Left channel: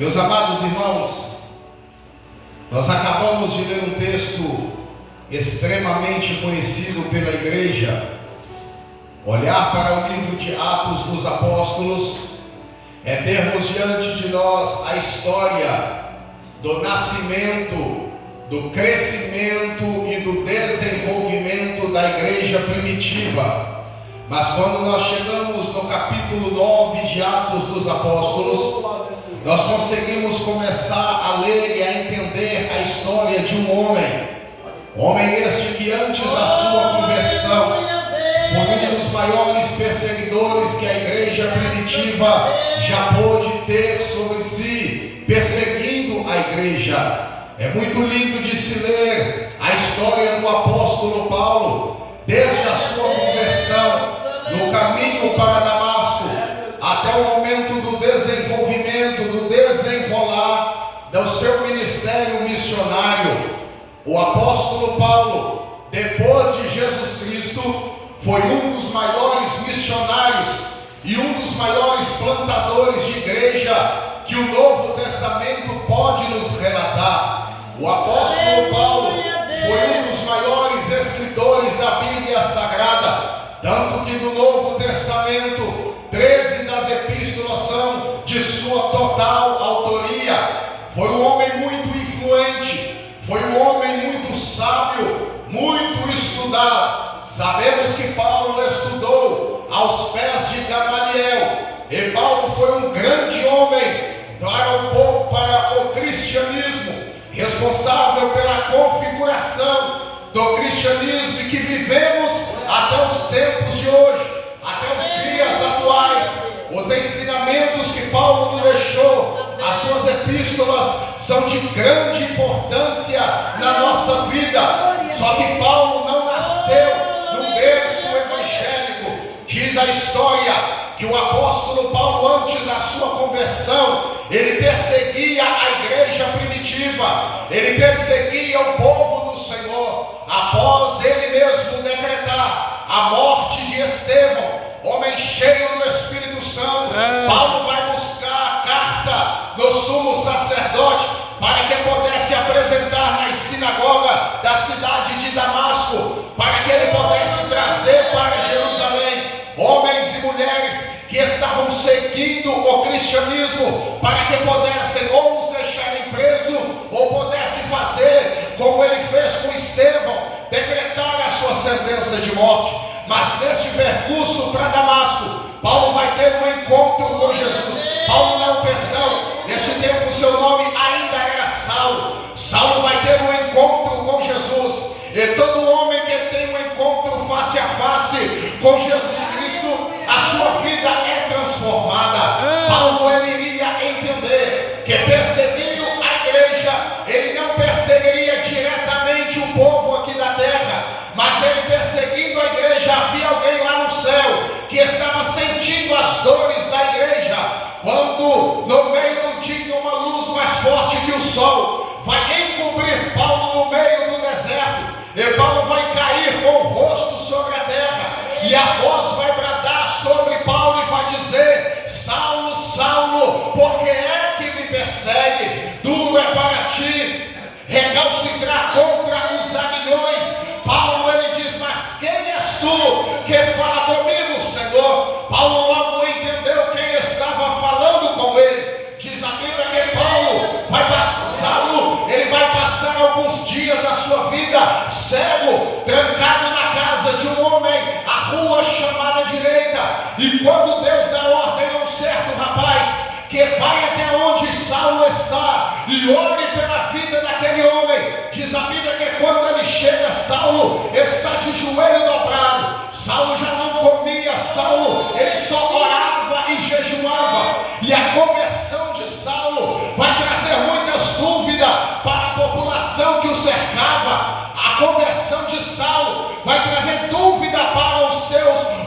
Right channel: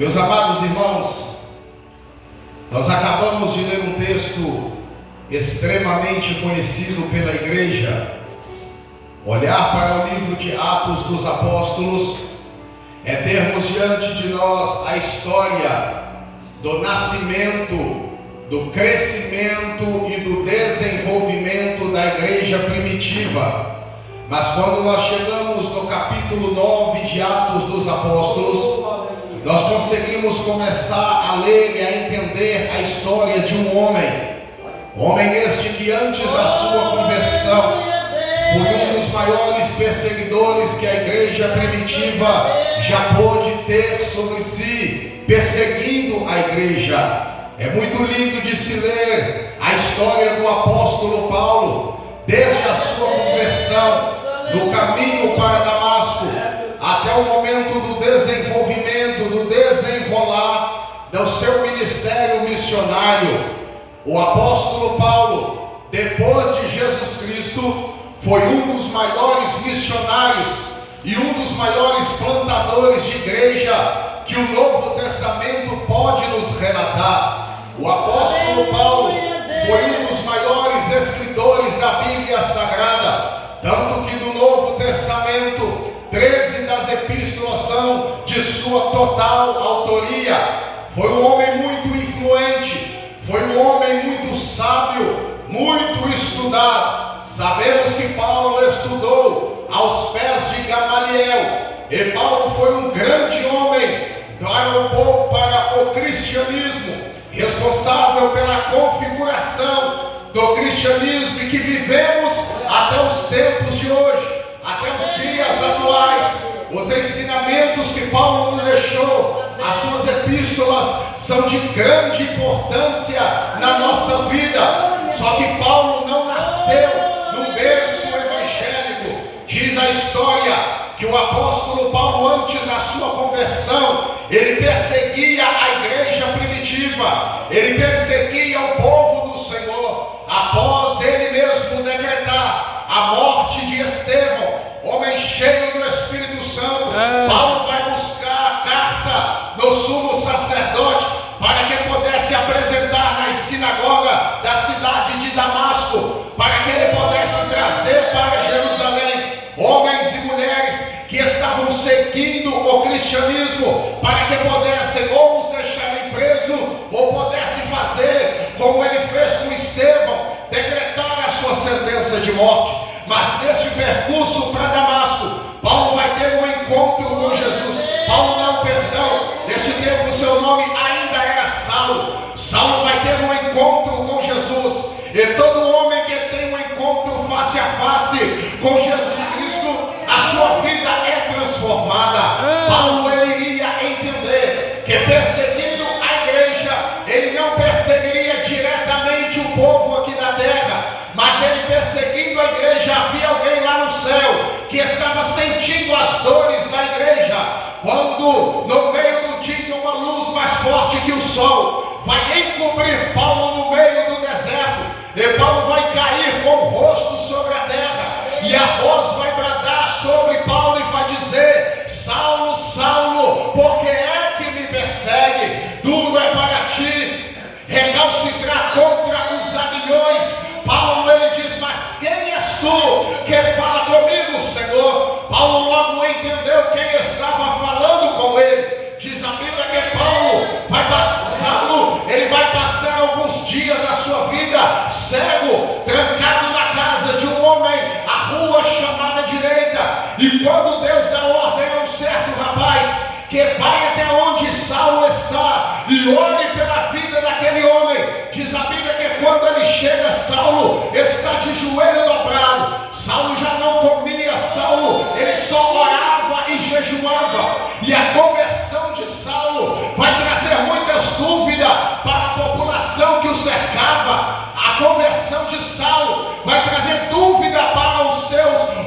Meus amados irmãos, nós acabamos de ler um texto extremamente conhecido pela igreja. Olhar para o livro de Atos dos Apóstolos é termos diante de nós a história do nascimento, do crescimento e do desenvolvimento da igreja primitiva. Mas quando nós chegamos no capítulo 9 de Atos dos Apóstolos, nós conseguimos começar a ler e a entender a história de um homem este que antes da sua conversão foi um dos maiores perseguidores que a igreja primitiva já pôde ter sobre si, perseguindo a igreja. É muito lindo de se ler a história do apóstolo Paulo, desde a sua conversão, no caminho para Damasco, até o momento do desenvolvimento, do desenrolar do seu ministério missionário. O apóstolo Paulo, depois de Jesus Cristo, foi um dos maiores missionários e um dos maiores plantadores de igreja que o Novo Testamento pode nos relatar. O apóstolo Paulo foi um dos maiores escritores da Bíblia Sagrada, tanto que no Novo Testamento 13 das epístolas são de sua total autoria. Foi um homem muito influente, foi um homem muito sábio, muito estudado. Sabemos que Paulo estudou aos pés de Gamaliel, e Paulo foi um grande homem para o cristianismo, responsável pela configuração do cristianismo e que vivemos até os tempos de hoje, até os dias atuais. Os ensinamentos que Paulo nos deixou, as suas epístolas, são de grande importância na nossa vida. Só que Paulo não nasceu num berço evangélico. Diz a história que o apóstolo Paulo, antes da sua conversão, ele perseguia a igreja primitiva, ele perseguia o povo do Senhor. Após ele mesmo decretar a morte de Estevão, homem cheio do Espírito Santo, Paulo vai buscar a carta do sumo sacerdote para que pudesse apresentar nas sinagogas da cidade de Damasco, para que ele pudesse trazer para Jerusalém homens e mulheres que estavam seguindo o cristianismo, para que pudessem ou os deixarem presos, ou pudessem fazer como ele fez com Estevão, decretar a sua sentença de morte. Mas neste percurso para Damasco, Paulo vai ter um encontro com Jesus. Neste tempo seu nome ainda era Saulo. Saulo vai ter um encontro com Jesus. E todo homem que tem um encontro face a face com Jesus Cristo, a sua vida é transformada. Paulo ele iria entender que perseguindo a igreja, ele não perseguiria diretamente o povo aqui da terra, mas ele perseguindo a igreja, havia alguém lá no céu que estava sentindo as dores da igreja. Quando no meio do dia uma luz mais forte que o sol vai encobrir Paulo no meio do deserto, e Paulo vai cair com o rosto sobre a terra, e a voz vai bradar sobre Paulo e vai dizer: Saulo, Saulo, por que é que me persegue? Duro é para ti recalcitrar contra os aguilhões. Paulo ele diz: mas quem és tu que fala comigo, Senhor? Paulo logo entendeu quem estava falando com ele. Diz a Bíblia que Paulo vai ele vai passar alguns dias da sua vida cego, trancado na casa de um homem, a rua chamada direita. E quando Deus dá ordem a um certo rapaz que vai até onde Saulo está e ore pela vida daquele homem, diz a Bíblia que quando ele chega, Saulo está de joelho dobrado. Saulo já não comia, Saulo ele só orava e jejuava. E a conversão de Saulo vai trazer muitas dúvidas para a população que o cercava. A conversão de Saulo vai trazer dúvida para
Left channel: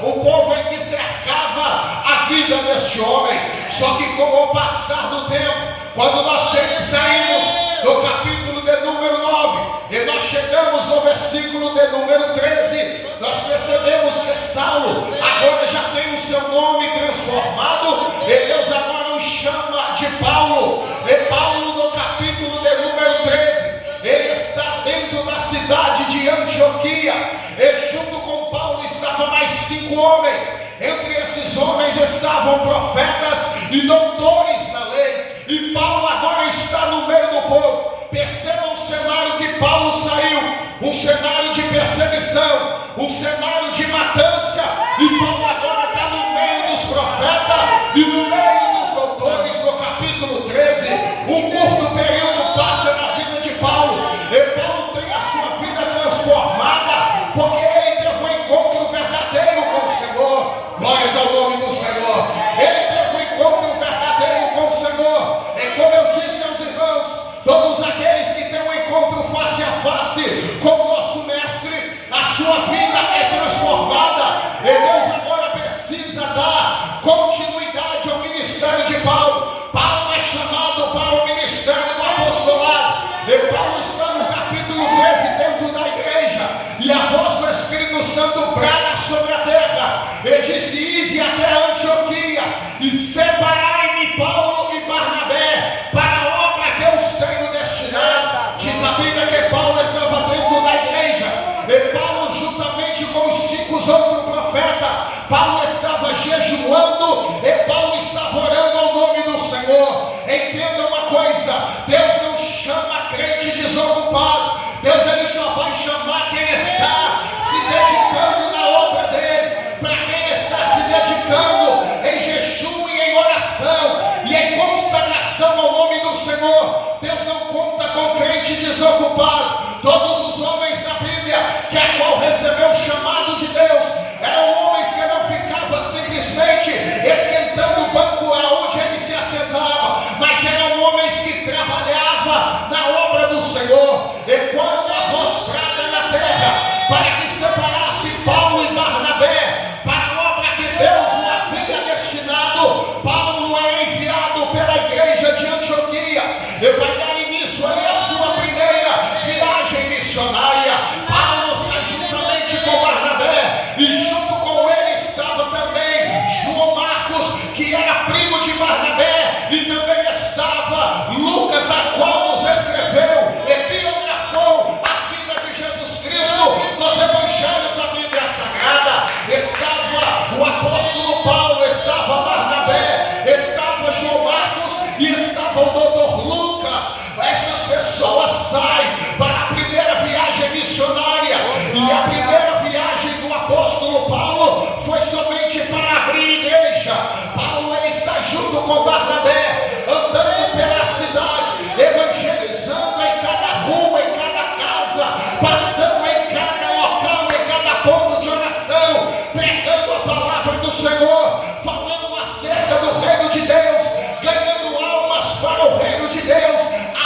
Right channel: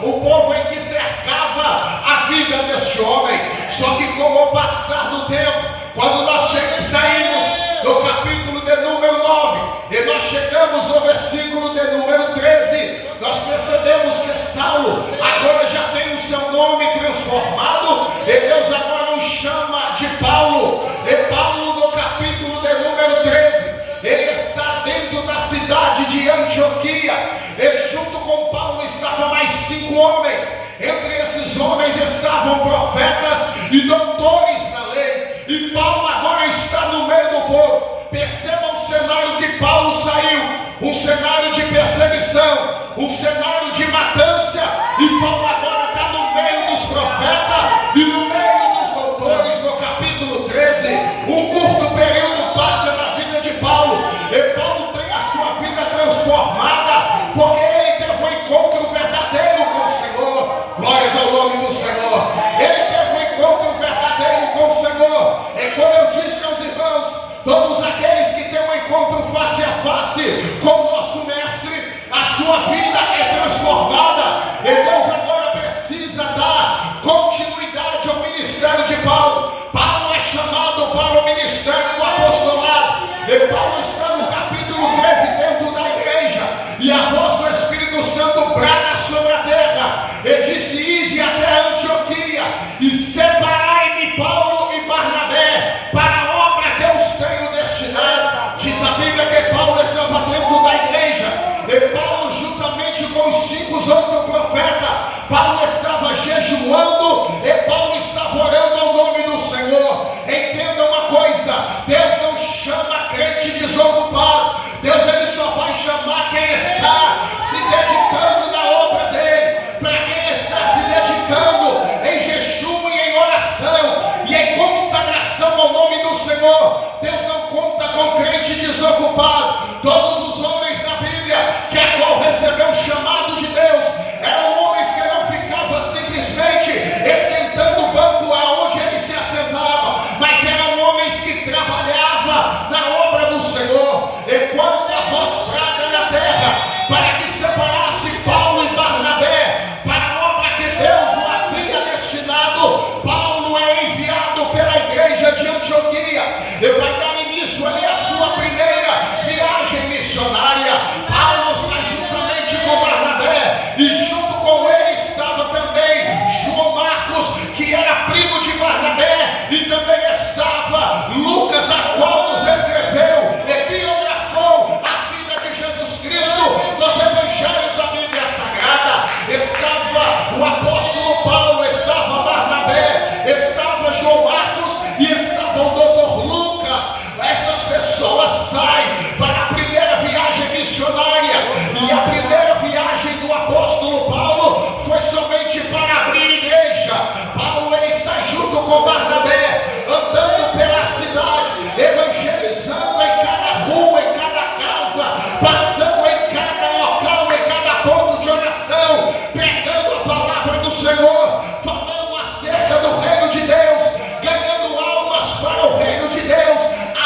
o povo em que cercava a vida deste homem. Só que com o passar do tempo, quando nós saímos do capítulo de número 9 e nós chegamos no versículo de número 13, nós percebemos que Saulo agora já tem o seu nome transformado e Deus agora o chama de Paulo. E Paulo, no capítulo de número 13, ele está dentro da cidade de Antioquia. E junto com Paulo estavam mais 5 homens. Entre esses homens estavam profetas e doutores da lei. E Paulo agora está no meio do povo. Percebam o cenário que Paulo saiu. Um cenário de perseguição, um cenário de matança. E Paulo agora está no meio dos profetas e no meio dos doutores. No capítulo 13, um curto período passa na vida de Paulo. E Paulo tem a sua vida transformada, porque ele teve um encontro verdadeiro com o Senhor. Glórias ao nome do Senhor. Ele teve um encontro verdadeiro com o Senhor. E como eu disse aos irmãos, todos aqueles que têm um encontro face a face com o nosso mestre, a sua vida é transformada. E Deus agora precisa dar continuidade ao ministério de Paulo. Paulo é chamado para o ministério do apostolado. E Paulo está no capítulo 13 dentro da igreja. E a voz do Espírito Santo brada sobre a terra. E disse: ide até Antioquia e separai-me Paulo e Barnabé para a obra que eu os tenho destinado. Diz a Bíblia que Paulo estava dentro da igreja. E Paulo, juntamente com os 5 outros profetas, Paulo estava jejuando e Paulo estava orando ao nome do Senhor. Entenda uma coisa: Deus não chama crente desocupado. Deus ele só vai chamar quem está se dedicando na obra dele. Para quem está se dedicando em jejum e em oração e em consagração ao nome do Senhor. Deus não conta com crente desocupado. Todos os homens da Bíblia que a qual recebeu o chamado de Deus eram homens que não ficavam simplesmente esquentando o banco aonde ele se assentava, mas eram homens que trabalhavam na obra do Senhor. E quando a voz brada na terra para que separasse Paulo e Barnabé para a obra que Deus o havia destinado, Paulo é enviado pela igreja de Antioquia e vai dar início ali a sua primeira viagem missionária. Paulo sai juntamente com Barnabé e junto com ele estava também João Marcos, que era primo de Barnabé, e também estava Lucas, a qual nos escreveu e biografou a vida de Jesus Cristo nos evangelhos da Bíblia Sagrada. Estava o apóstolo Paulo, estava Barnabé, estava João Marcos e estava o doutor Lucas. Essas pessoas saem para a primeira viagem missionária, e a primeira viagem do apóstolo Paulo foi somente para abrir igreja. Paulo ele sai junto com Barnabé, andando pela cidade, evangelizando em cada rua, em cada casa, passando em cada local, em cada ponto de oração, pregando a palavra do Senhor, falando acerca do reino de Deus, ganhando almas para o reino de Deus,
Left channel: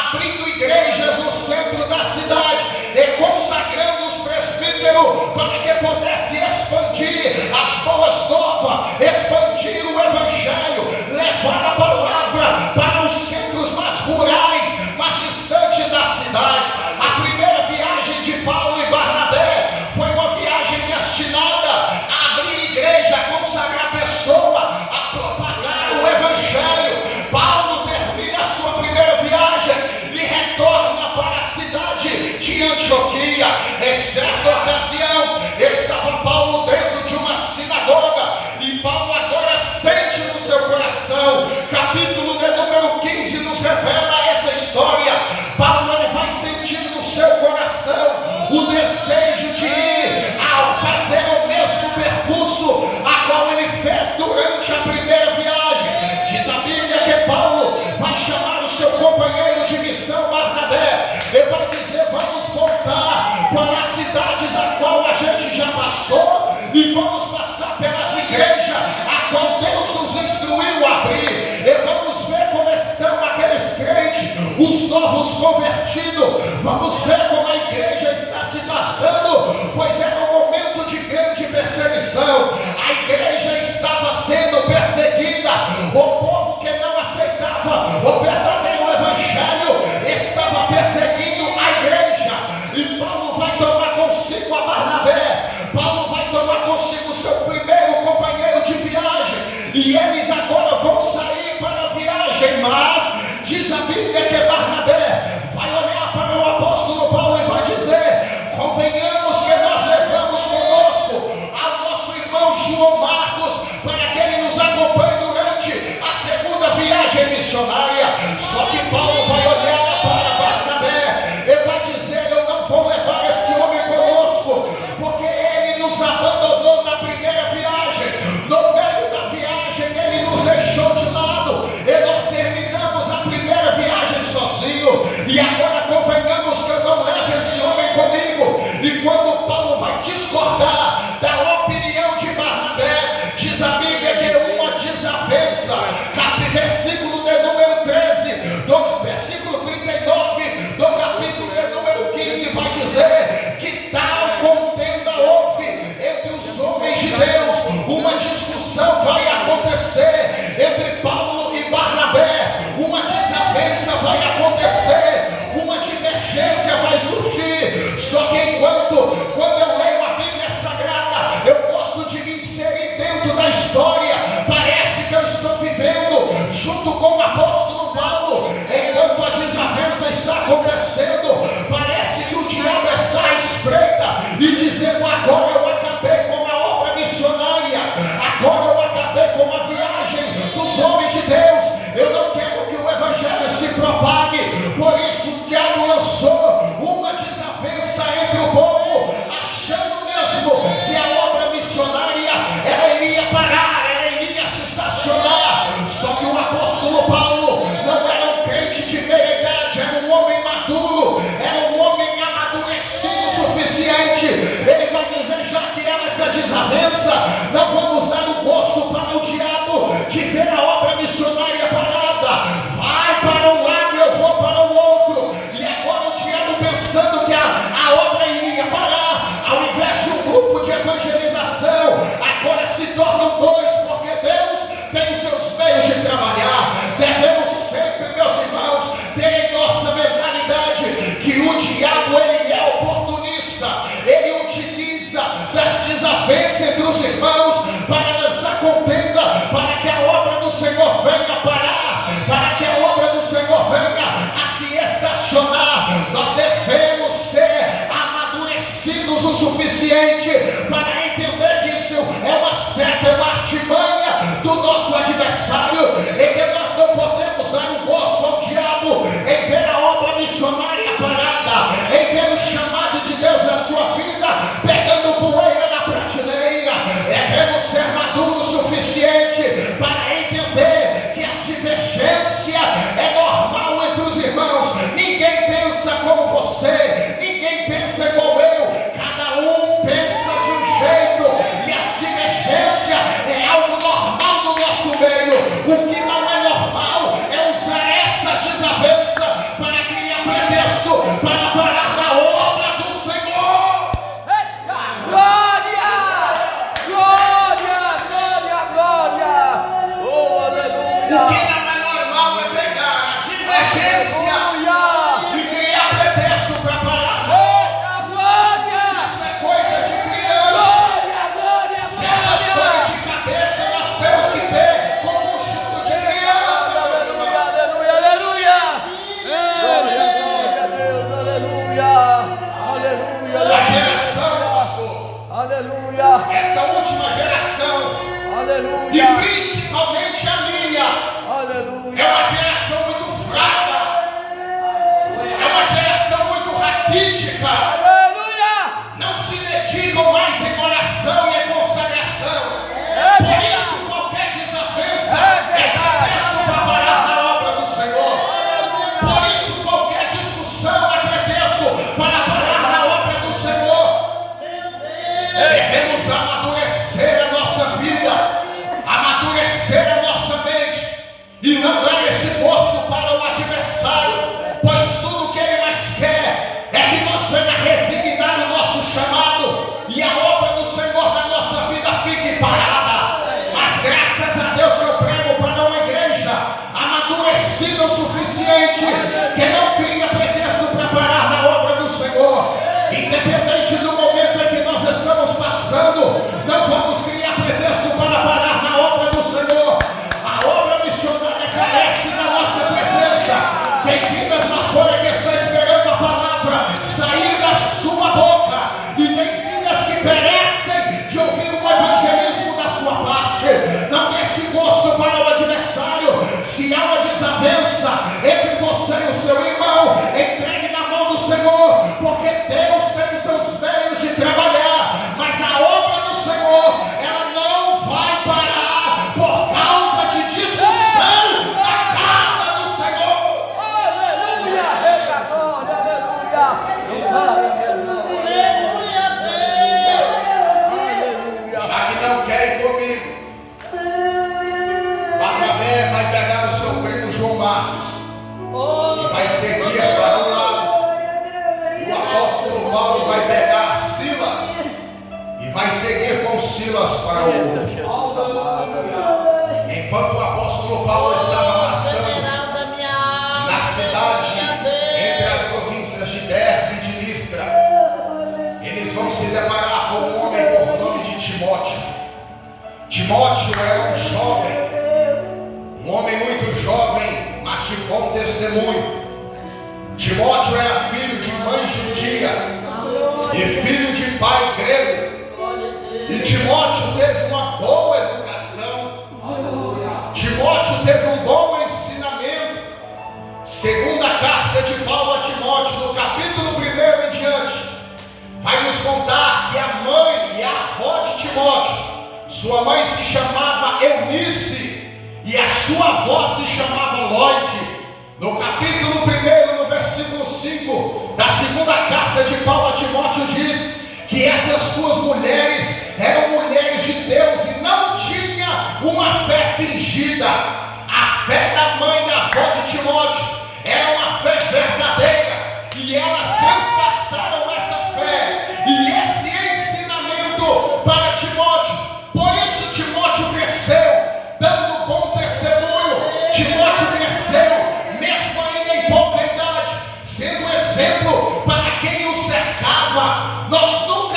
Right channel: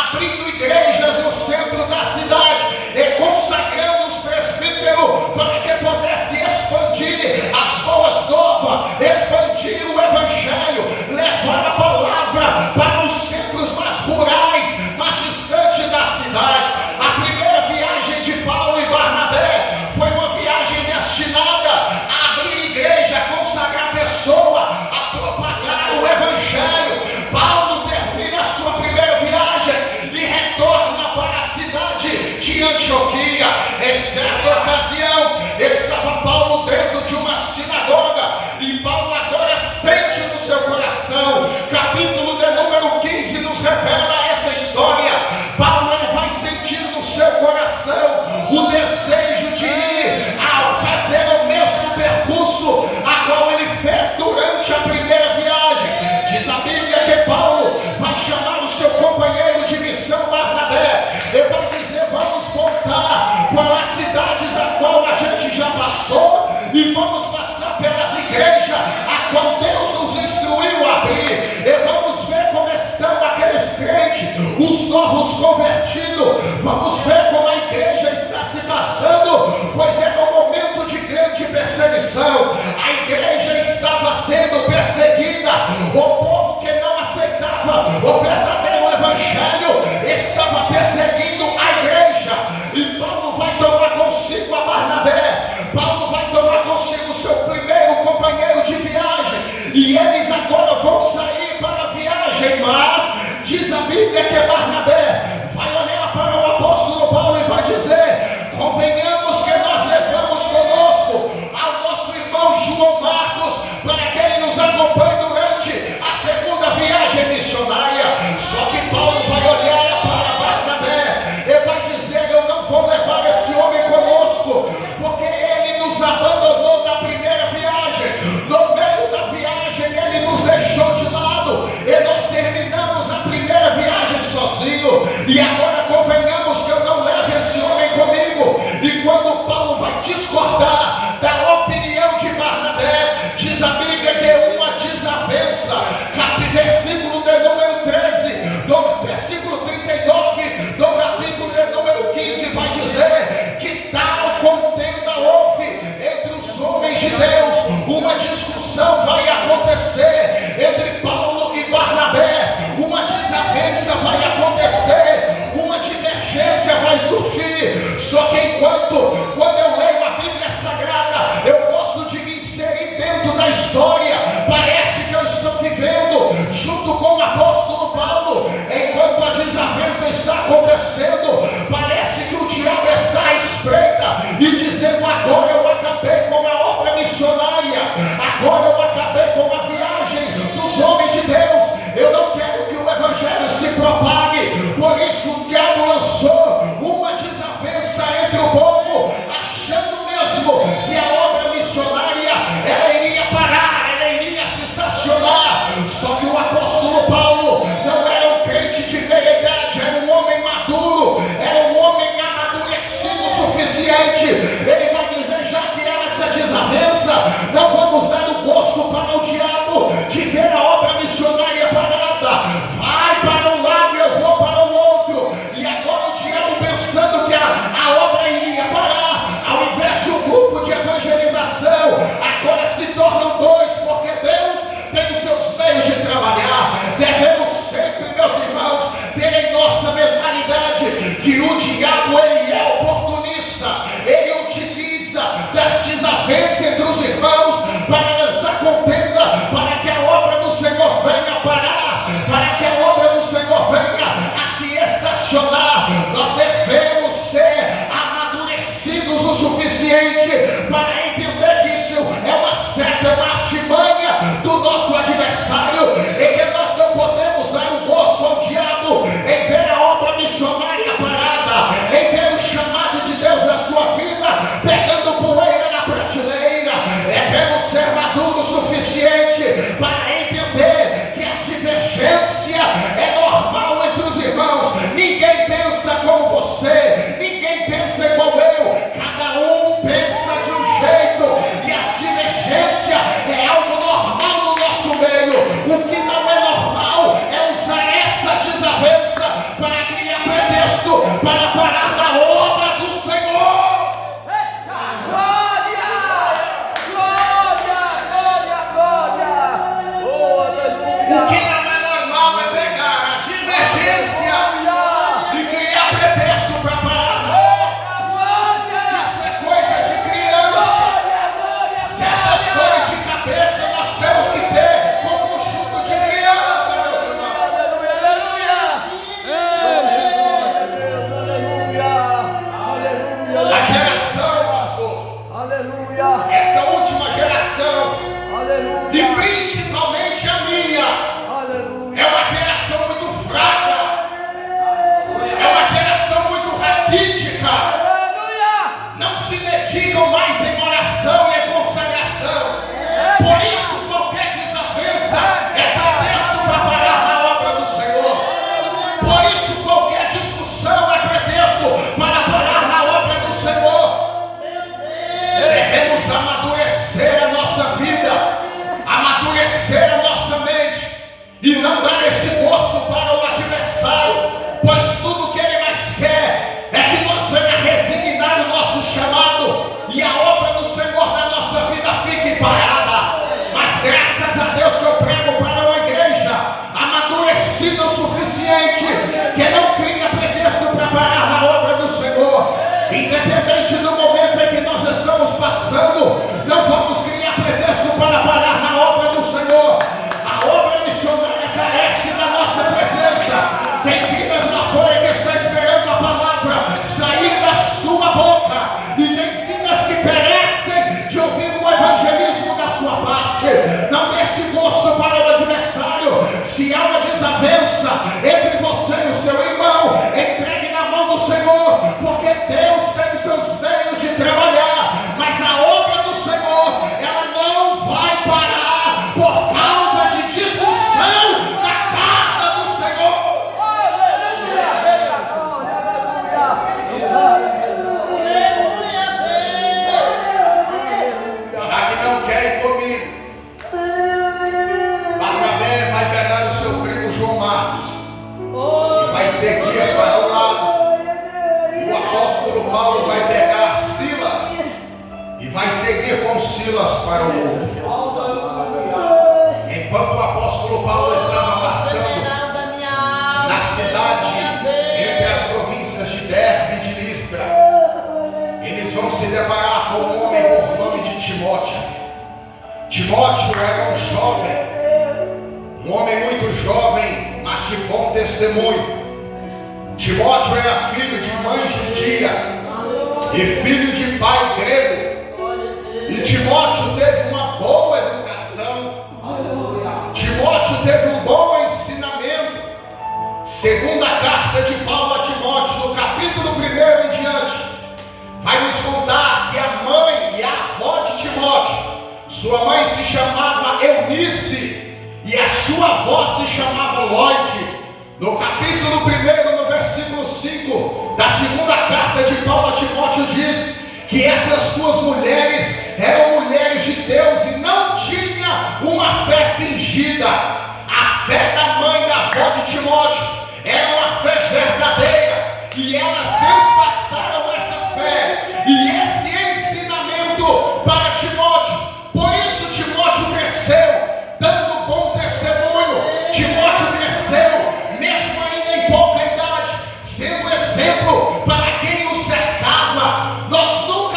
abrindo igrejas no centro da cidade e consagrando os presbíteros para que pudesse expandir as boas novas, expandir o evangelho, levar a palavra para os centros mais rurais, mais distantes da cidade. A primeira viagem de Paulo e Barnabé foi uma viagem destinada a abrir igreja, a consagrar pessoa, a propagar o evangelho. Paulo termina a sua primeira viagem e retorna para a cidade de Antioquia. Em certa ocasião estava Paulo dentro de uma sinagoga e Paulo agora sente no seu coração, capítulo de número 15 nos revela essa história. Paulo ele vai sentir no seu coração o desejo de ir a fazer o mesmo percurso a qual ele fez durante a primeira viagem. Diz a Bíblia que Paulo vai chamar o seu companheiro de missão Barnabé e vai dizer: vamos voltar para as cidades a qual a gente já passou e vamos passar pelas igrejas a qual Deus nos instruiu a abrir, e vamos ver como estão aqueles crentes, os novos convertidos. Vamos ver como a igreja está se passando, pois era um momento de grande perseguição. A igreja estava sendo perseguida, o povo que não aceitava o verdadeiro evangelho estava perseguindo a igreja. E Paulo vai tomar consigo a Barnabé, Paulo vai tomar consigo seu primeiro companheiro de viagem, e eles agora vão sair para a viagem Mas diz a Bíblia que Barnabé vai olhar para o apóstolo Paulo e vai dizer: convenhamos que nós levamos conosco ao nosso irmão João Marcos para que ele nos acompanhe durante a segunda viagem missionária. Só que Paulo vai olhar para Barnabé e vai dizer: eu não vou levar esse homem conosco, porque ele nos abandonou na primeira viagem. No meio da viagem ele nos deixou de lado e nós terminamos a primeira viagem sozinho, e agora convenhamos que eu não levo esse homem comigo. E quando Paulo vai discordar da opinião de Barnabé, diz a Bíblia que uma desavença, versículo de número 13, do versículo 39 do capítulo de número 15, vai dizer que tal contenda houve entre os homens de Deus. Uma discussão vai acontecer entre Paulo e Barnabé, uma desavença vai acontecer, uma divergência vai surgir. Só que quando eu leio a Bíblia Sagrada, eu gosto de me inserir dentro da história. Parece que eu estou vivendo junto com o apóstolo Paulo. Enquanto a desavença está acontecendo, parece que o diabo está à espreita e dizendo: agora eu acabei com a obra missionária, agora eu acabei com a viagem dos homens de Deus, eu não quero que o evangelho se propague. Por isso o diabo lançou uma desavença entre o povo, achando mesmo que a obra missionária ela iria parar, ela iria se estacionar. Só que o apóstolo Paulo não era um crente de meia idade, era um homem maduro, era um homem amadurecido o suficiente. Ele vai dizer: já que há essa desavença, não vamos dar o gosto para o diabo de ver a obra missionária parada. Vai para um lado e eu vou para o outro. E agora o diabo, pensando que a obra iria parar, ao invés de um grupo de evangelização, agora se tornam dois, porque Deus tem os seus meios de trabalhar. Devemos sempre, meus irmãos, ter em nossa mentalidade que o diabo ele é oportunista, ele utiliza das desavenças entre os irmãos para lançar contenda, para que a obra do Senhor venha parar, para que a obra do Senhor venha a se estacionar. Nós devemos ser amadurecidos o suficiente para entender que isso é uma seta, é uma artimanha do nosso adversário, e que nós não podemos dar o gosto ao diabo em ver a obra missionária parada, em ver o chamado de Deus na sua vida pegando poeira na prateleira. Devemos ser maduros o suficiente para entender que a divergência é normal entre os irmãos. Ninguém pensa como você, ninguém pensa igual eu, cada um pensa de um jeito, e a divergência é algo normal no nosso meio. O que não é normal é usar esta desavença Tem vidas lá fora que estão esperando a palavra sair da sua boca, e tem vidas que perecem de ouvir um evangelismo da sua parte. Não dê esse gosto para o adversário. Se há uma desavença entre você e o seu irmão, entregue na mão do Senhor, porque Deus tem os seus meios de trabalhar, mas a obra do Senhor, ela não vai parar por causa de discussão na casa do Senhor. Já que não quer ir comigo, Barnabé vai pegar o seu primo João Marcos e vai seguir para um lado, e o apóstolo Paulo vai pegar Silas e vai seguir com Silas para o outro. Enquanto o apóstolo Paulo estava passando na cidade entre as províncias de Derbe e de Listra, eles vão se deparar com um homem por nome de Timóteo. Timóteo era um jovem, um homem muito jovem, mas de bom testemunho. Timóteo era filho de mãe judia e filho de pai grego. E Timóteo teve uma boa educação. Timóteo teve um bom ensinamento. Segunda carta de Paulo a Timóteo, no capítulo 1 em diante, vai nos contar que a mãe e a avó de Timóteo, sua mãe se chamava Eunice e a sua avó se chamava Lloyd. No capítulo 1, no versículo 5 da segunda carta de Paulo a Timóteo, diz que essas duas mulheres eram mulheres de Deus e não tinha uma fé fingida. A fé da mãe e da avó de Timóteo era uma fé verdadeira, e elas transpassaram essa fé e esse ensinamento para Timóteo. Por isso Timóteo cresceu dando bom testemunho. Timóteo cresceu mesmo ainda em pouca idade, sendo exemplo para quem o cercava. Nós não,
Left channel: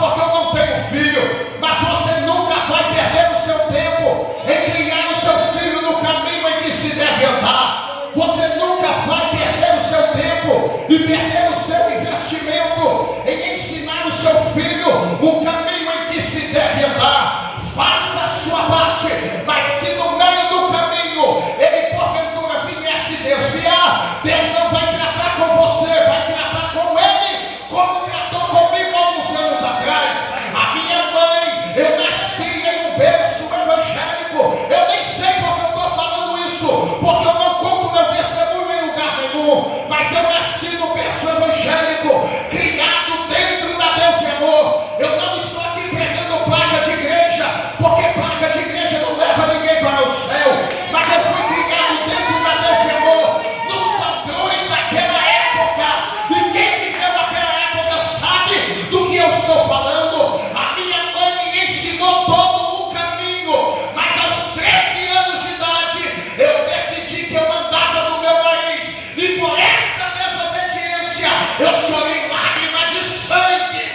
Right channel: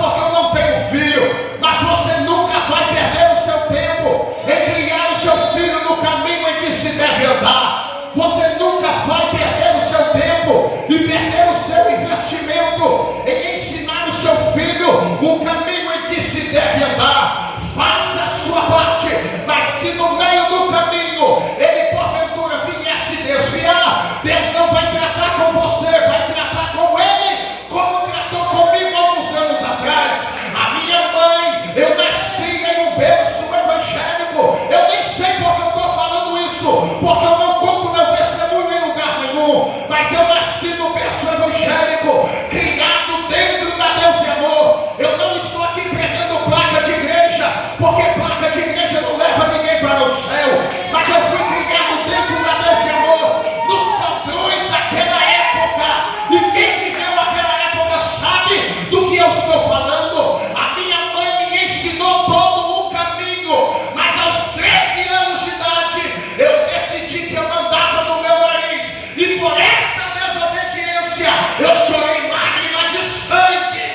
porque eu não tenho filho, mas você nunca vai perder o seu tempo em criar o seu filho no caminho em que se deve andar. Você nunca vai perder o seu tempo e perder o seu investimento em ensinar o seu filho o caminho em que se deve andar. Faça a sua parte, mas se no meio do caminho ele porventura vier se desviar, Deus não vai tratar com você, vai tratar com ele como tratou comigo alguns anos atrás. A minha mãe, eu nasci em um berço evangélico. Eu nem sei porque eu estou falando isso, porque eu não conto meu testemunho em lugar nenhum, mas eu nasci no berço evangélico, criado dentro da Deus e Amor. Eu não estou aqui pregando placa de igreja, porque placa de igreja não leva ninguém para o céu, mas eu fui criado dentro da Deus e Amor, nos padrões daquela época, e quem viveu aquela época sabe do que eu estou falando. A minha mãe me ensinou todo o caminho, mas aos 13 anos de idade eu decidi que eu andava no meu nariz, e por esta desobediência eu chorei lágrima de sangue.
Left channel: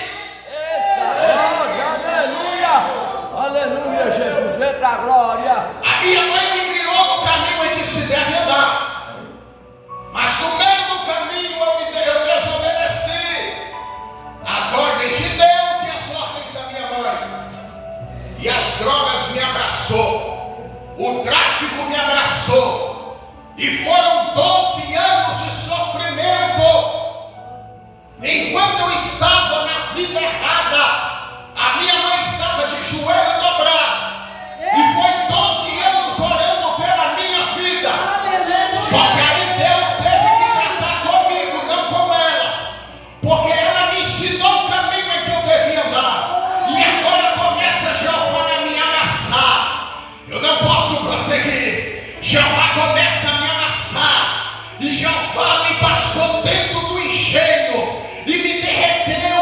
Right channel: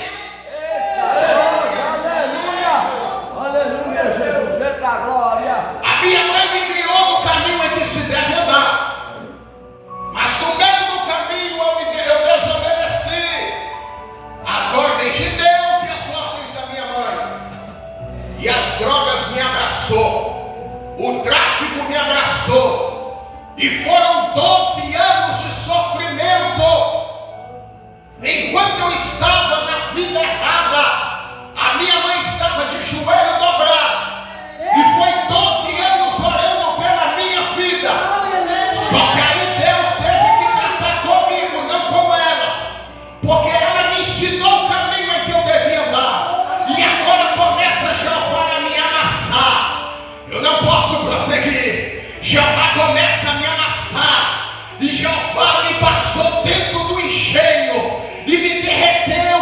Aleluia, Jesus, eita glória. A minha mãe me criou no caminho em que se deve andar, mas no meio do caminho eu desobedeci as ordens de Deus e as ordens da minha mãe, e as drogas me abraçou, o tráfico me abraçou, e foram 12 anos de sofrimento. Enquanto eu estava na vida errada, a minha mãe estava de joelho dobrado, e foi 12 anos orando pela minha vida. Só que aí Deus teve que tratar comigo, não com ela, porque ela me ensinou o caminho em que eu devia andar, e agora começa Jeová a me amassar. Eu não posso prosseguir. Jeová começa a me amassar, e Jeová me passou dentro do engenho e me derreteu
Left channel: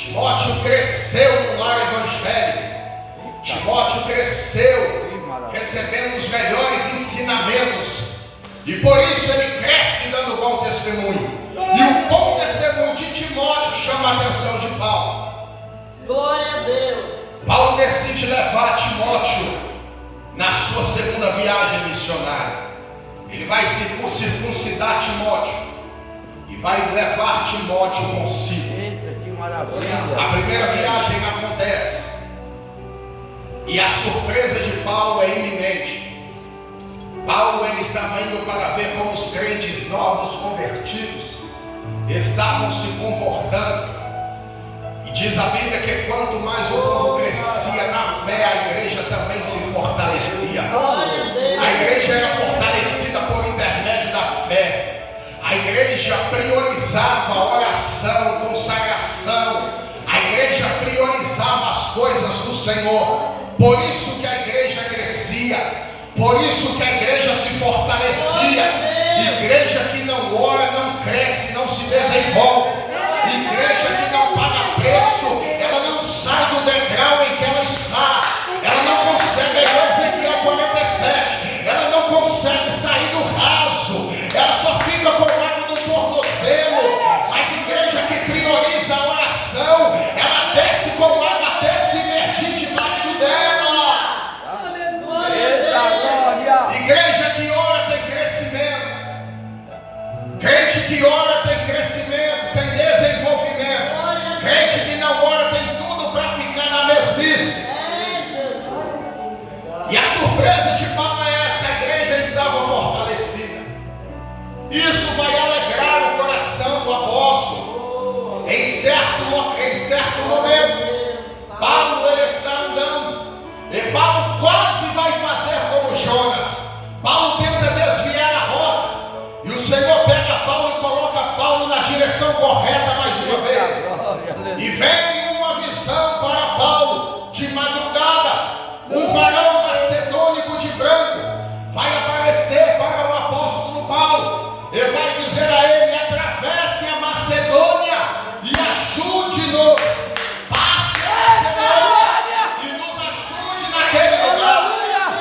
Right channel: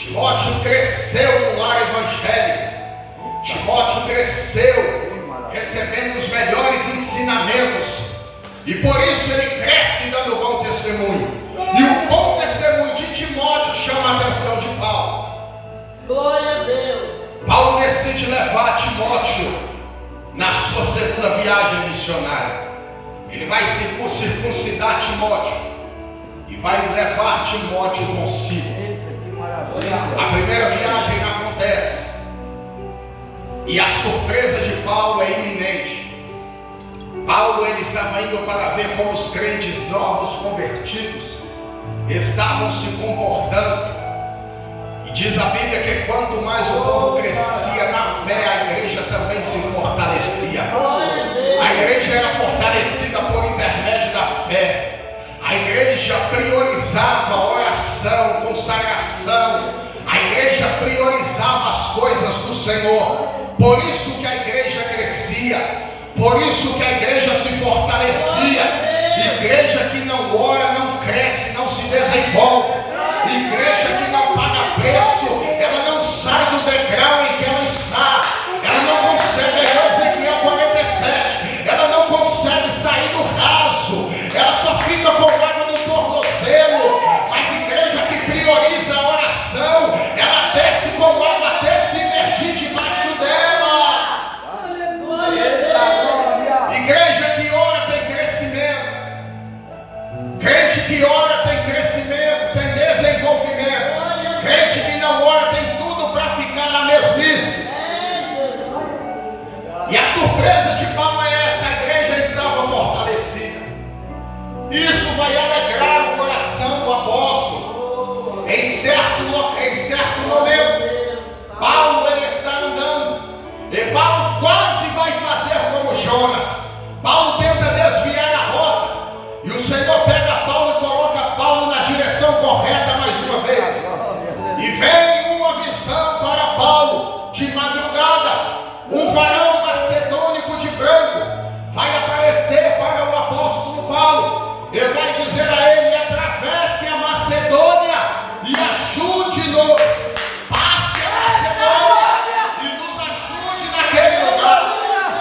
Timóteo cresceu no lar evangélico. Timóteo cresceu recebendo os melhores ensinamentos. E por isso ele cresce dando bom testemunho. E o bom testemunho de Timóteo chama a atenção de Paulo. Glória a Deus. Paulo decide levar Timóteo na sua segunda viagem missionária. Ele vai circuncidar Timóteo e vai levar Timóteo consigo. Eita, que maravilha. A primeira viagem acontece e a surpresa de Paulo é iminente. Paulo ele estava indo para ver como os crentes novos convertidos estavam se comportando. E diz a Bíblia que quanto mais o povo crescia na fé, a igreja também se fortalecia. A igreja era fortalecida por intermédio da fé. A igreja priorizava a oração, consagração. A igreja priorizava as coisas do Senhor. Por isso que a igreja crescia. Por isso que a igreja se fortalecia. Igreja que não ora, não cresce, não se desenvolve. Igreja que não paga preço, ela não sai do degrau em que ela está. Ela não consegue, Ezequiel 47, ela não consegue sair do raso. Ela só fica com água no tornozelo. Mas igreja que prioriza a oração, ela desce com água até se imergir debaixo dela. Igreja que ora tem crescimento. Crente que ora tem crescimento, tem desenvolvimento. Crente que não ora tem tudo para ficar na mesmice. E a surpresa de Paulo é essa: a igreja estava fortalecida. Isso vai alegrar o coração do apóstolo. Em certo momento, Paulo ele está andando. E Paulo quase vai fazer como Jonas. Paulo tenta desviar a rota. E o Senhor pega Paulo e coloca Paulo na direção correta mais uma vez. E vem uma visão para Paulo de madrugada. Um varão macedônico de branco vai aparecer para o apóstolo Paulo. Ele vai dizer a ele: atravesse a Macedônia e ajude-nos. Passe a Macedônia e nos ajude naquele lugar.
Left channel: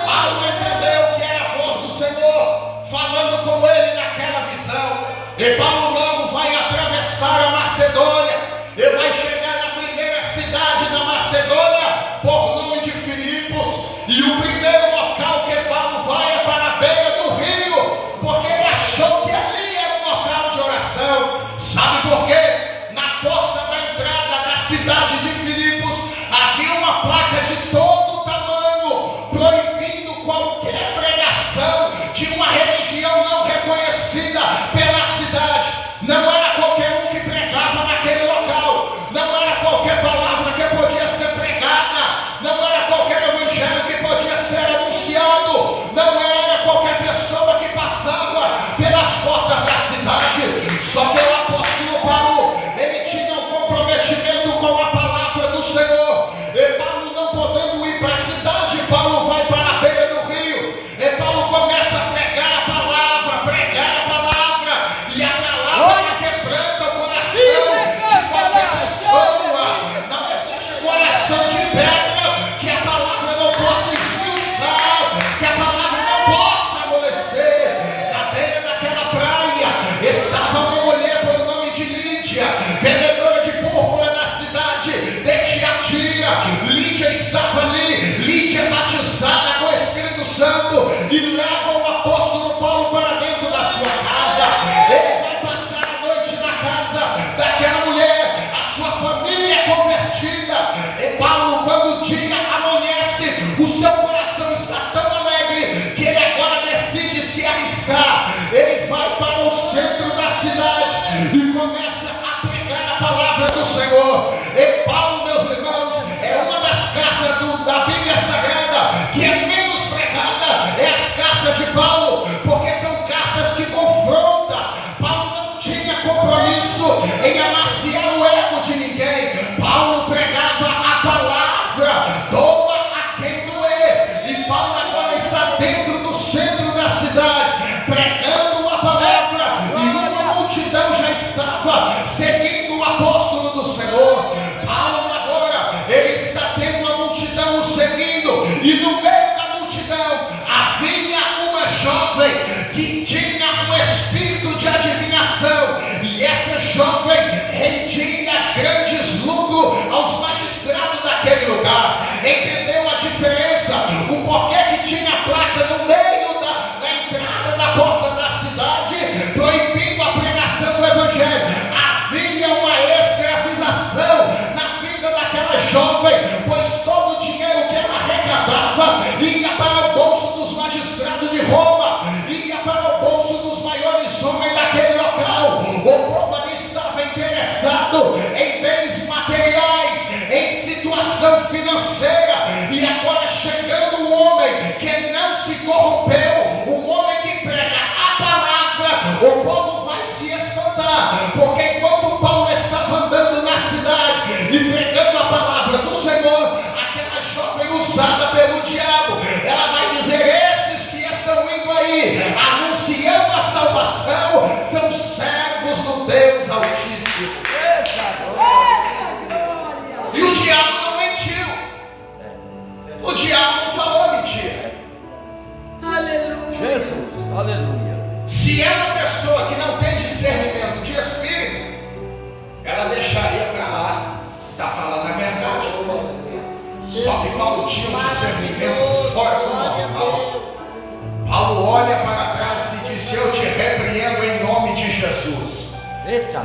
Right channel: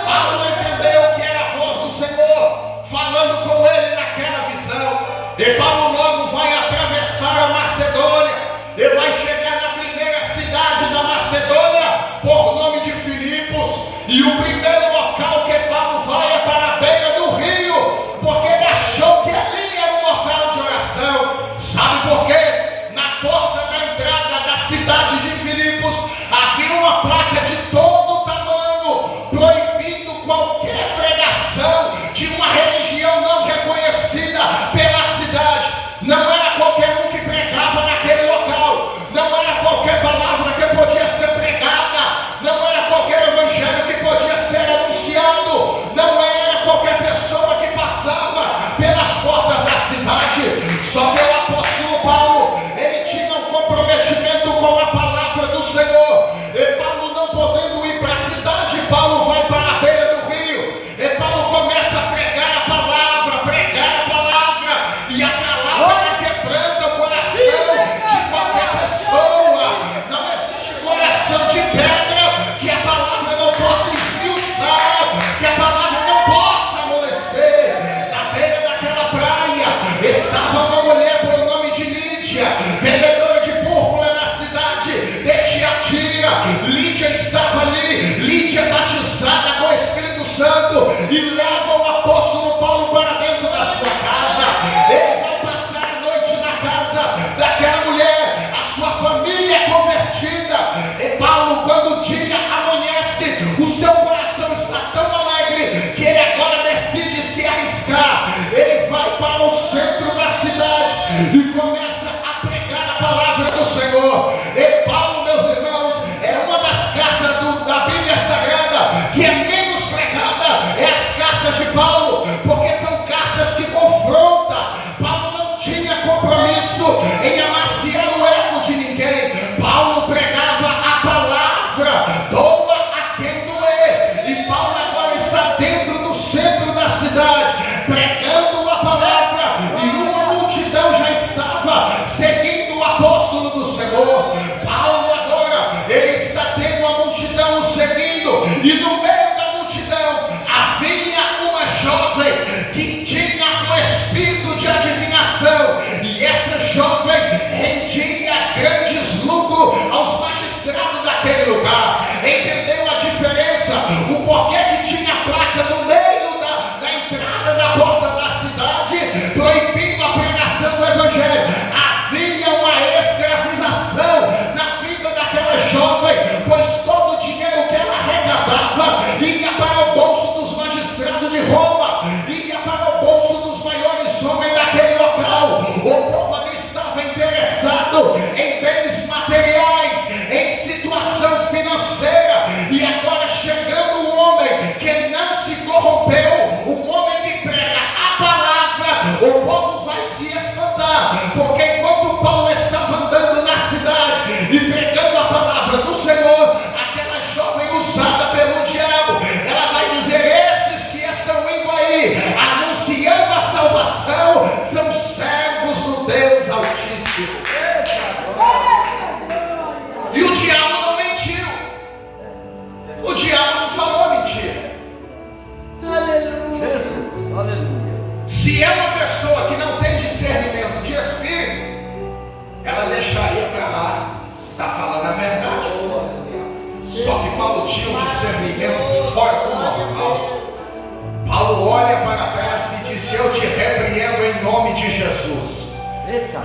Paulo entendeu que era a voz do Senhor falando com ele naquela visão. E Paulo logo vai atravessar a Macedônia. Ele vai chegar na primeira cidade da Macedônia, por nome de Filipos. E o primeiro local que Paulo vai é para a beira do rio, porque ele achou que ali era um local de oração. Sabe por quê? Na porta da entrada da cidade de Filipos havia uma placa de todo tamanho, proibindo qualquer pregação de uma religião não reconhecida pela cidade. Não era qualquer um que pregava naquele local. Não era qualquer palavra que podia ser pregada. Não era qualquer evangelho que podia ser anunciado. Não era qualquer pessoa que passava pelas portas da cidade. Só que o apóstolo Paulo, ele tinha um comprometimento com a palavra do Senhor. E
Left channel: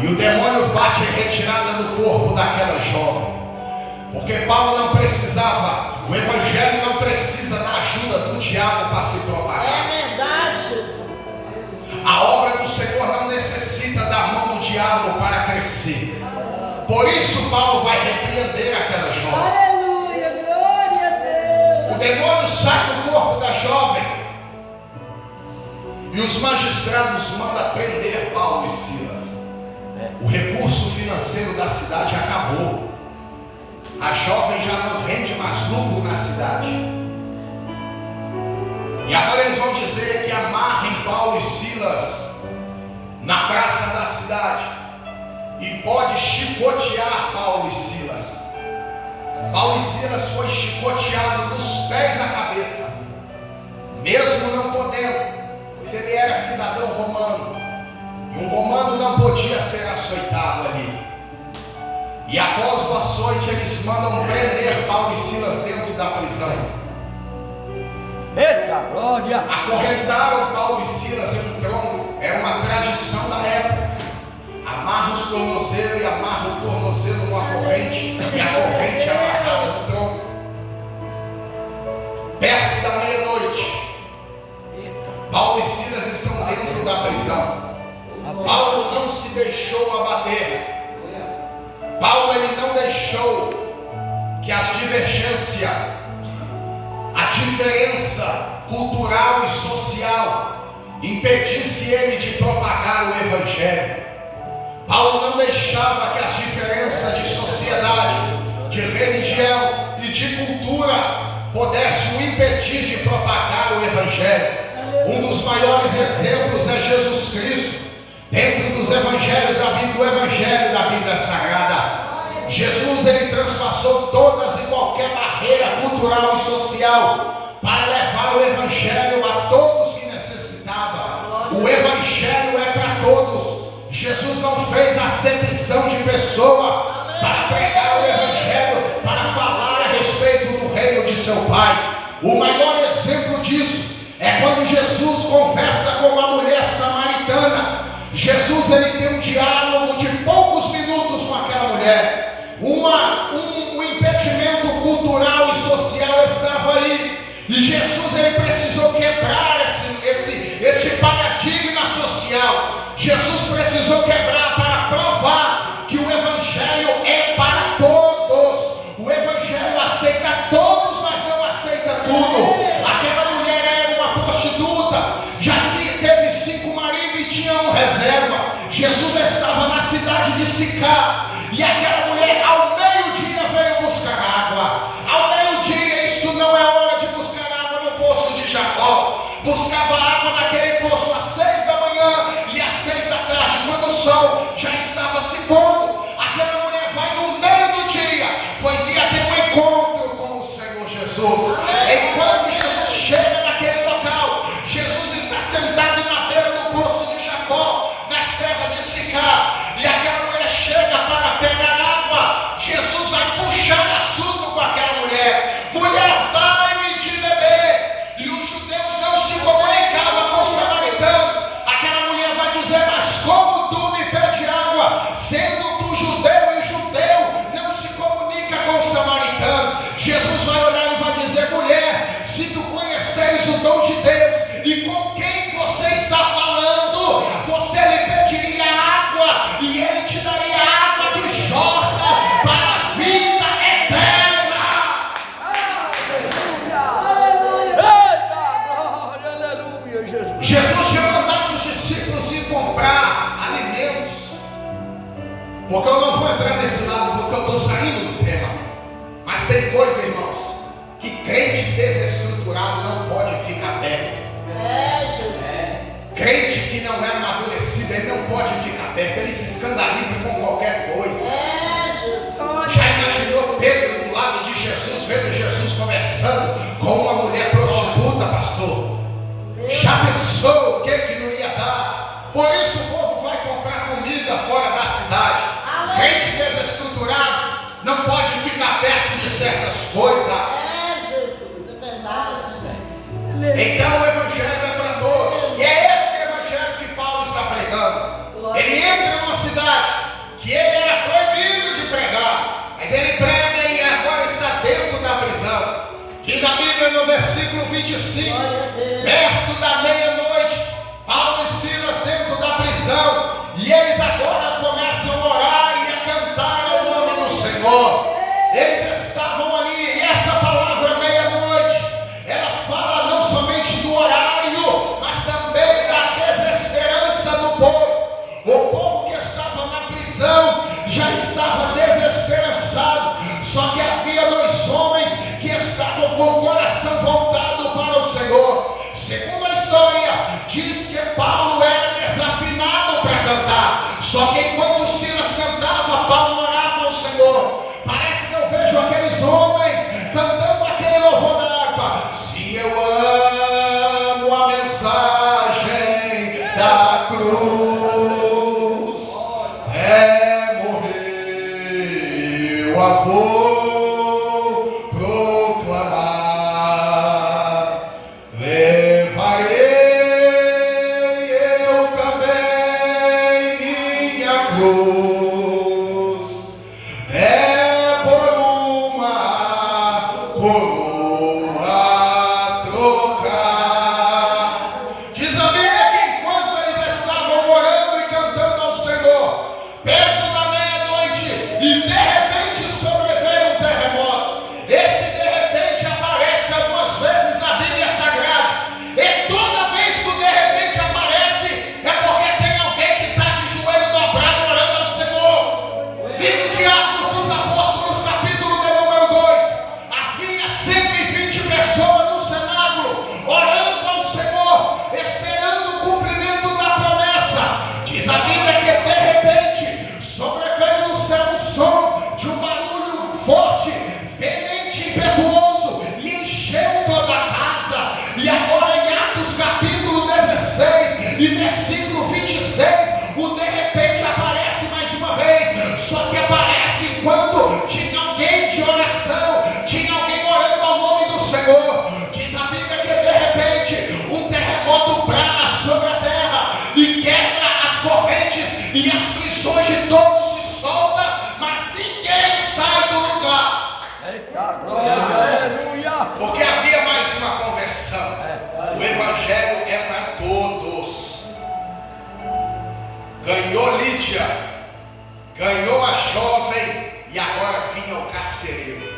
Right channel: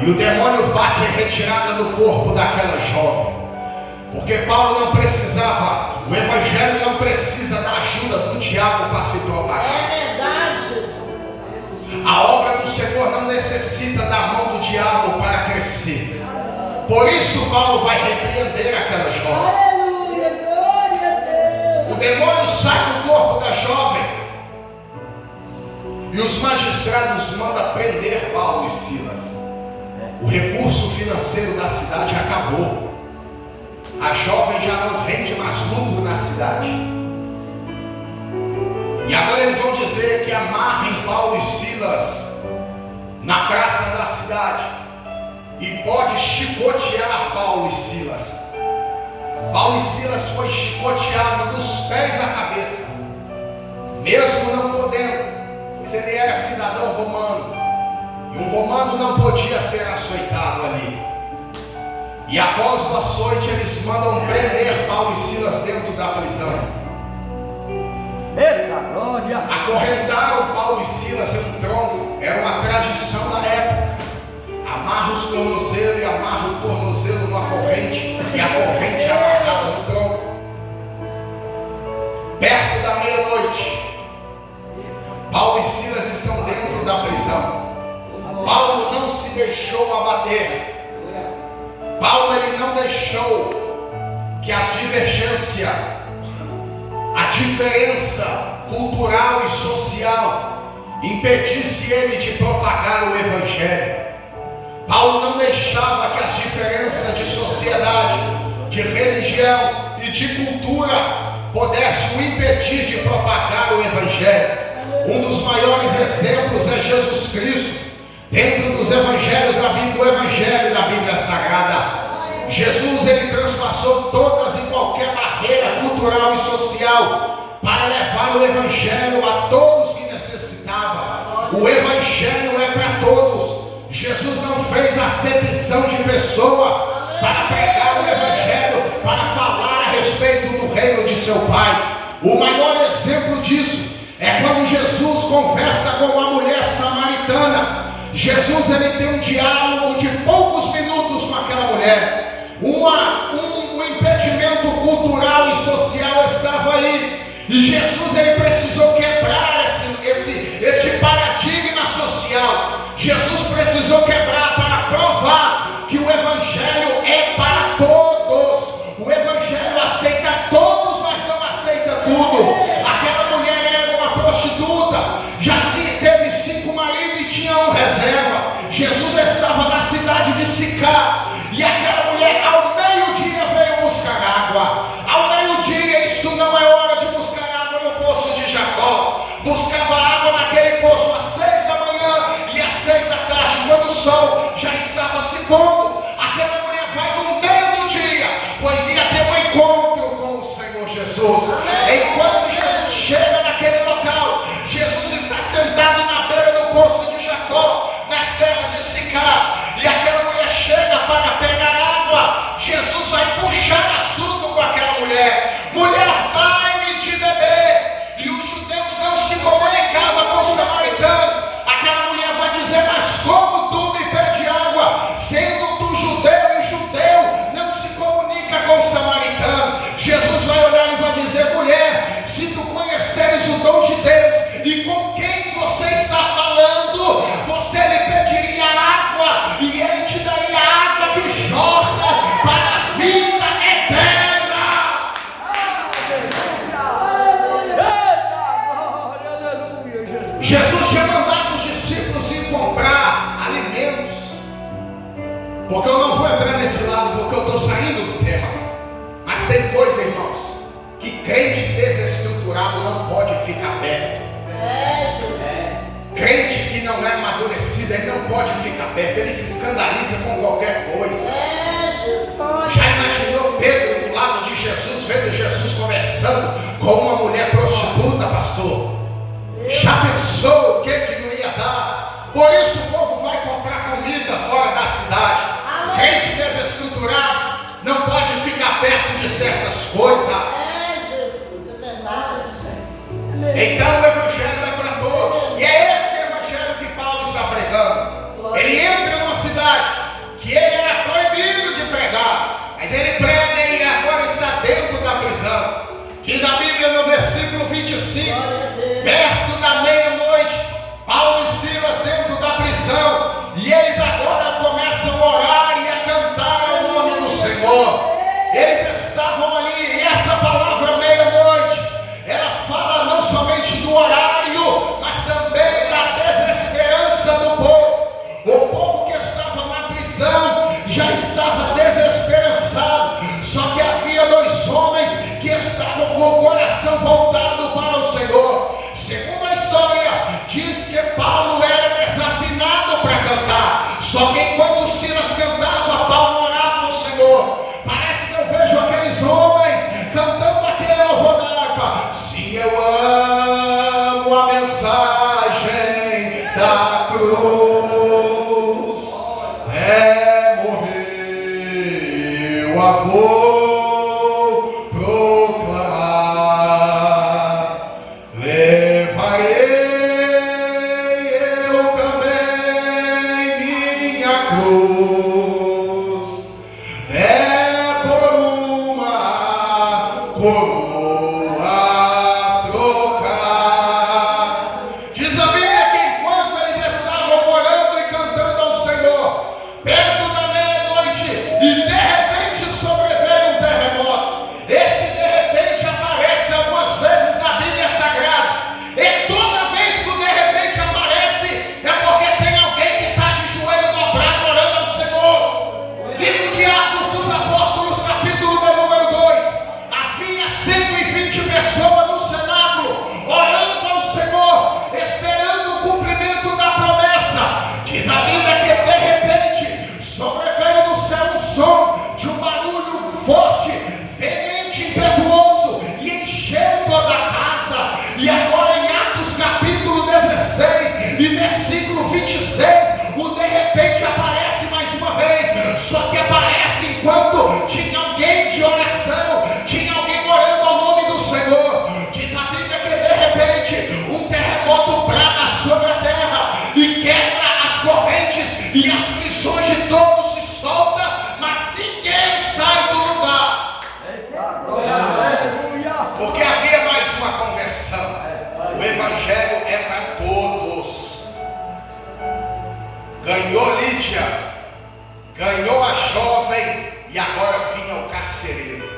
E o demônio bate em retirada do corpo daquela jovem. Porque Paulo não precisava, o evangelho não precisa da ajuda do diabo para se propagar. É verdade, Jesus. A obra do Senhor não necessita da mão do diabo para crescer. Por isso Paulo vai repreender aquela jovem. Aleluia, glória a Deus. O demônio sai do corpo da jovem. E os magistrados mandam prender Paulo e Silas. O recurso financeiro da cidade acabou. A jovem já não rende mais lucro na cidade. E agora eles vão dizer que amarrem Paulo e Silas na praça da cidade e pode chicotear Paulo e Silas. Paulo e Silas foi chicoteado dos pés à cabeça, mesmo não podendo, pois ele era cidadão romano, e um romano não podia ser açoitado ali. E após o açoite, eles mandam prender Paulo e Silas dentro da prisão. Eita glória! Acorrentaram Paulo e Silas em um tronco. Era uma tradição da época. Amarra os tornozelos e amarra o tornozelo numa corrente, e a corrente é amarrada no tronco. Perto da meia-noite, Paulo e Silas estão dentro da prisão. Paulo não se deixou abater. Paulo ele não deixou que as divergências, a diferença cultural e social impedisse ele de propagar o evangelho. Paulo não deixava que as diferenças de sociedade, de religião e de cultura pudessem o impedir de propagar o evangelho. Um dos maiores exemplos é Jesus Cristo. Dentro dos evangelhos da Bíblia, o evangelho da Bíblia Sagrada, Jesus ele transpassou todas e qualquer barreira cultural e social para levar o evangelho a todos que necessitavam. O evangelho é para todos. Jesus não fez acepção de pessoa para pregar o evangelho, para falar a respeito do reino de seu Pai. O maior exemplo disso é quando Jesus conversa com uma mulher samaritana. Jesus ele tem um diálogo de poucos minutos com aquela mulher. Um impedimento cultural e social estava aí, e Jesus ele precisou quebrar este paradigma social. Jesus precisou quebrar para provar que o evangelho é para todos. O evangelho aceita todos, mas não aceita tudo. Aquela mulher era uma prostituta, já teve 5 maridos e tinha um reserva. Jesus estava na cidade de Sicar, e aquela mulher ao meio-dia veio buscar água. Ao meio-dia, isso não é hora de buscar água no poço de Jacó. Buscava água naquele poço às 6 da manhã e às 6 da tarde, quando o sol já estava se pondo. Aquela mulher vai no meio do dia, pois ia ter um encontro com o Senhor Jesus. Enquanto Jesus chega naquele local, Jesus está sentado na beira do poço de Jacó, nas terras de Sicar, e aquela mulher chega para pegar água. Jesus vai puxar assunto com aquela mulher. Mulher, dai-me de beber. E os judeus não se comunicavam com o samaritano. Aquela mulher vai dizer: mas como tu me pede água, sendo tu judeu, e judeu não se comunica com o samaritano? Jesus vai olhar e vai dizer: mulher, se tu conheceres o dom de Deus e com quem você está falando, você lhe pediria água e ele te daria água que jorra para a vida eterna. Aleluia, Jesus. Jesus tinha mandado os discípulos ir comprar alimentos, porque eu não vou entrar nesse lado, porque eu estou saindo do tema. Mas tem coisa, irmãos, que crente desestruturado não pode ficar perto. Crente que não é amadurecido, ele não pode ficar perto, ele se escandaliza com qualquer coisa. Já imaginou Pedro do lado de Jesus, vendo Jesus conversando com uma mulher prostituta, pastor? Já pensou o que não ia dar? Por isso o povo vai comprar comida fora da cidade. Crente desestruturado não pode ficar perto de certas coisas. Então o evangelho é para todos, e é esse evangelho que Paulo está pregando. Ele entra numa cidade, 25, perto da meia-noite, Paulo e Silas dentro da prisão, e eles agora começam a orar e a cantar o nome do Senhor. Eles estavam ali, e essa palavra meia-noite, ela fala não somente do horário, mas também da desesperança do povo. O povo que estava na prisão já estava desesperançado, só que havia dois homens que estavam com o coração voltado para o Senhor. Segundo a história, diz que Paulo era desafinado para cantar, só que enquanto Silas cantava, Paulo orava ao Senhor. Parece que eu vejo aqueles homens cantando aquele louvor da harpa. Se eu amo a mensagem da cruz, morrer eu a vou proclamar. Levarei eu também minha cruz, por uma coroa trocar. Diz a Bíblia que enquanto eles estavam orando e cantando ao Senhor, perto da meia-noite, e de repente sobreveio um terremoto. Esse de repente aparece algumas vezes na Bíblia Sagrada, e toda vez que o de repente aparece, é porque tem alguém que está de joelho dobrado orando ao Senhor. Livro de Atos dos Apóstolos, capítulo de número 2, havia 120 pessoas no cenáculo, orando ao Senhor, esperando o cumprimento da promessa. Diz a Bíblia que de repente sobreveio do céu um som de um barulho forte, veemente, impetuoso, e encheu toda a casa. E agora em Atos capítulo 16 e versículo 26, o de repente aparece mais uma vez, só que aparece enquanto tinha alguém de oração, tinha alguém orando ao nome do Senhor. Diz a Bíblia que de repente um terremoto brada sobre a terra e quebra as correntes, e as prisões de todos se soltam, mas ninguém sai do lugar, Aleluia. porque havia mais uma conversão. O Evangelho é para todos. Ganhou Lídia, ganhou a jovem, e agora vinha o carcereiro.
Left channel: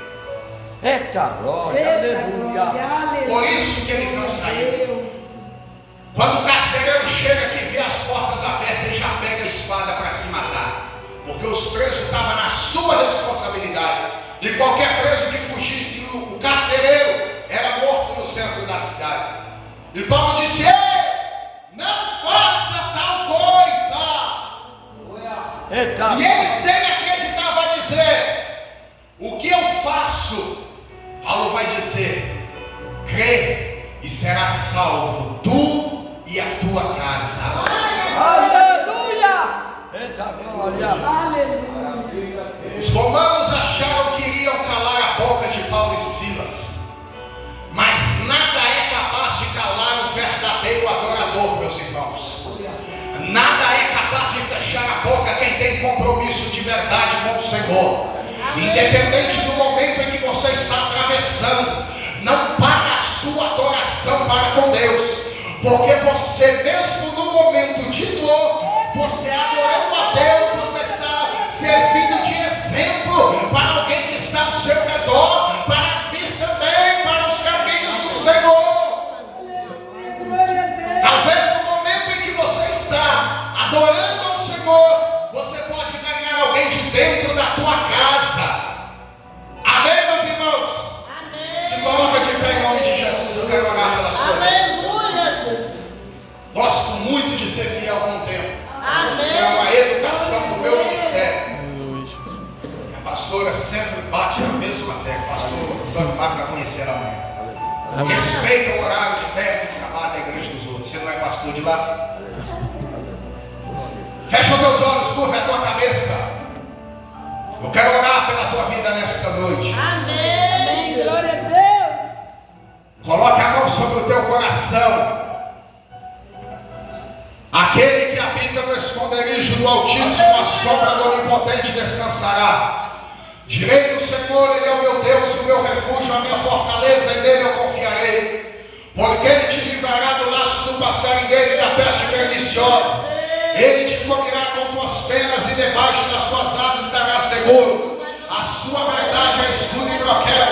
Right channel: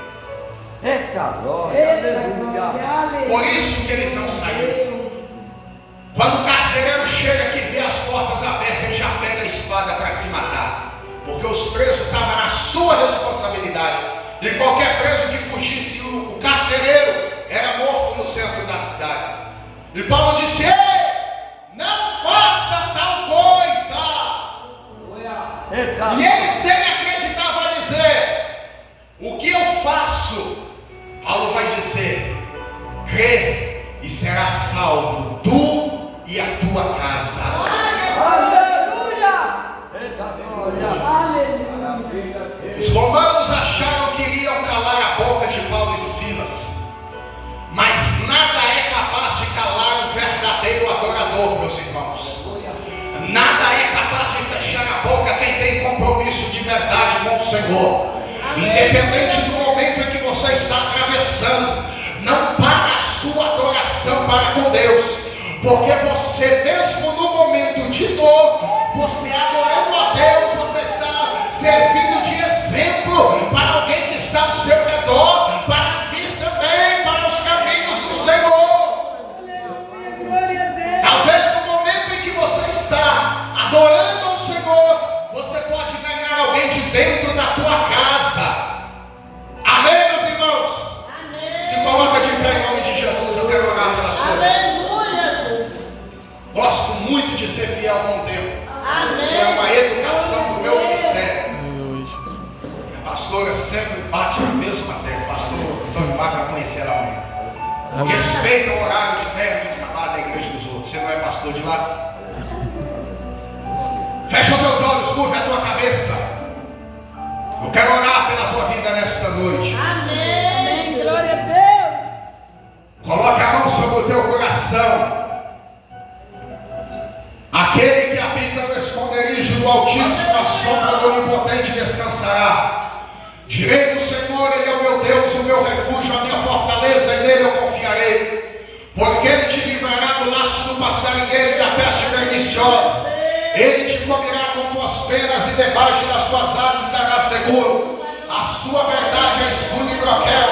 Eita glória, aleluia. Por isso que eles não saíram. Quando o carcereiro chega que vê as portas abertas, ele já pega a espada para se matar, porque os presos estavam na sua responsabilidade. E qualquer preso que fugisse, o carcereiro era morto no centro da cidade. E Paulo disse: ei, não faça tal coisa. Eita. E ele, sem acreditar, vai dizer: o que eu faço? Paulo vai dizer: crê e será salvo, tu e a tua casa. Aleluia! Eita glória. Aleluia! Os romanos acharam que iriam calar a boca de Paulo e Silas, mas nada é capaz de calar um verdadeiro adorador, meus irmãos. Nada é capaz de fechar a boca quem tem compromisso de verdade com o Senhor. Independente do momento em que você está atravessando, não para a sua adoração para com Deus, porque você mesmo no momento de dor, você adorando a Deus, você está servindo de exemplo para alguém que está ao seu redor, para vir também para os caminhos do Senhor. Aleluia! Glória a Deus! Talvez no momento em que você está adorando ao Senhor, você pode ganhar alguém de dentro da tua casa. Amém, meus irmãos? Amém! Se coloca de pé em nome de Jesus, eu quero orar pela sua vida. Aleluia, Jesus! Gosto muito de ser fiel com o tempo. Amém. Isso é uma educação do meu ministério. A pastora sempre bate na mesma tecla. Pastor Antônio Marco vai conhecer amanhã. Respeita o horário de tempo de trabalho da igreja dos outros. Você não é pastor de lá? Fecha os teus olhos, curva a tua cabeça. Eu quero orar pela tua vida nesta noite. Amém! Glória a Deus! Coloque a mão sobre o teu coração. Aquele que habita no esconderijo do Altíssimo, a sombra do Onipotente descansará. Direi do Senhor, Ele é o meu Deus, o meu refúgio, a minha fortaleza, e nele eu confiarei. penas e debaixo das tuas asas estarás seguro. A sua verdade é escudo e broquel.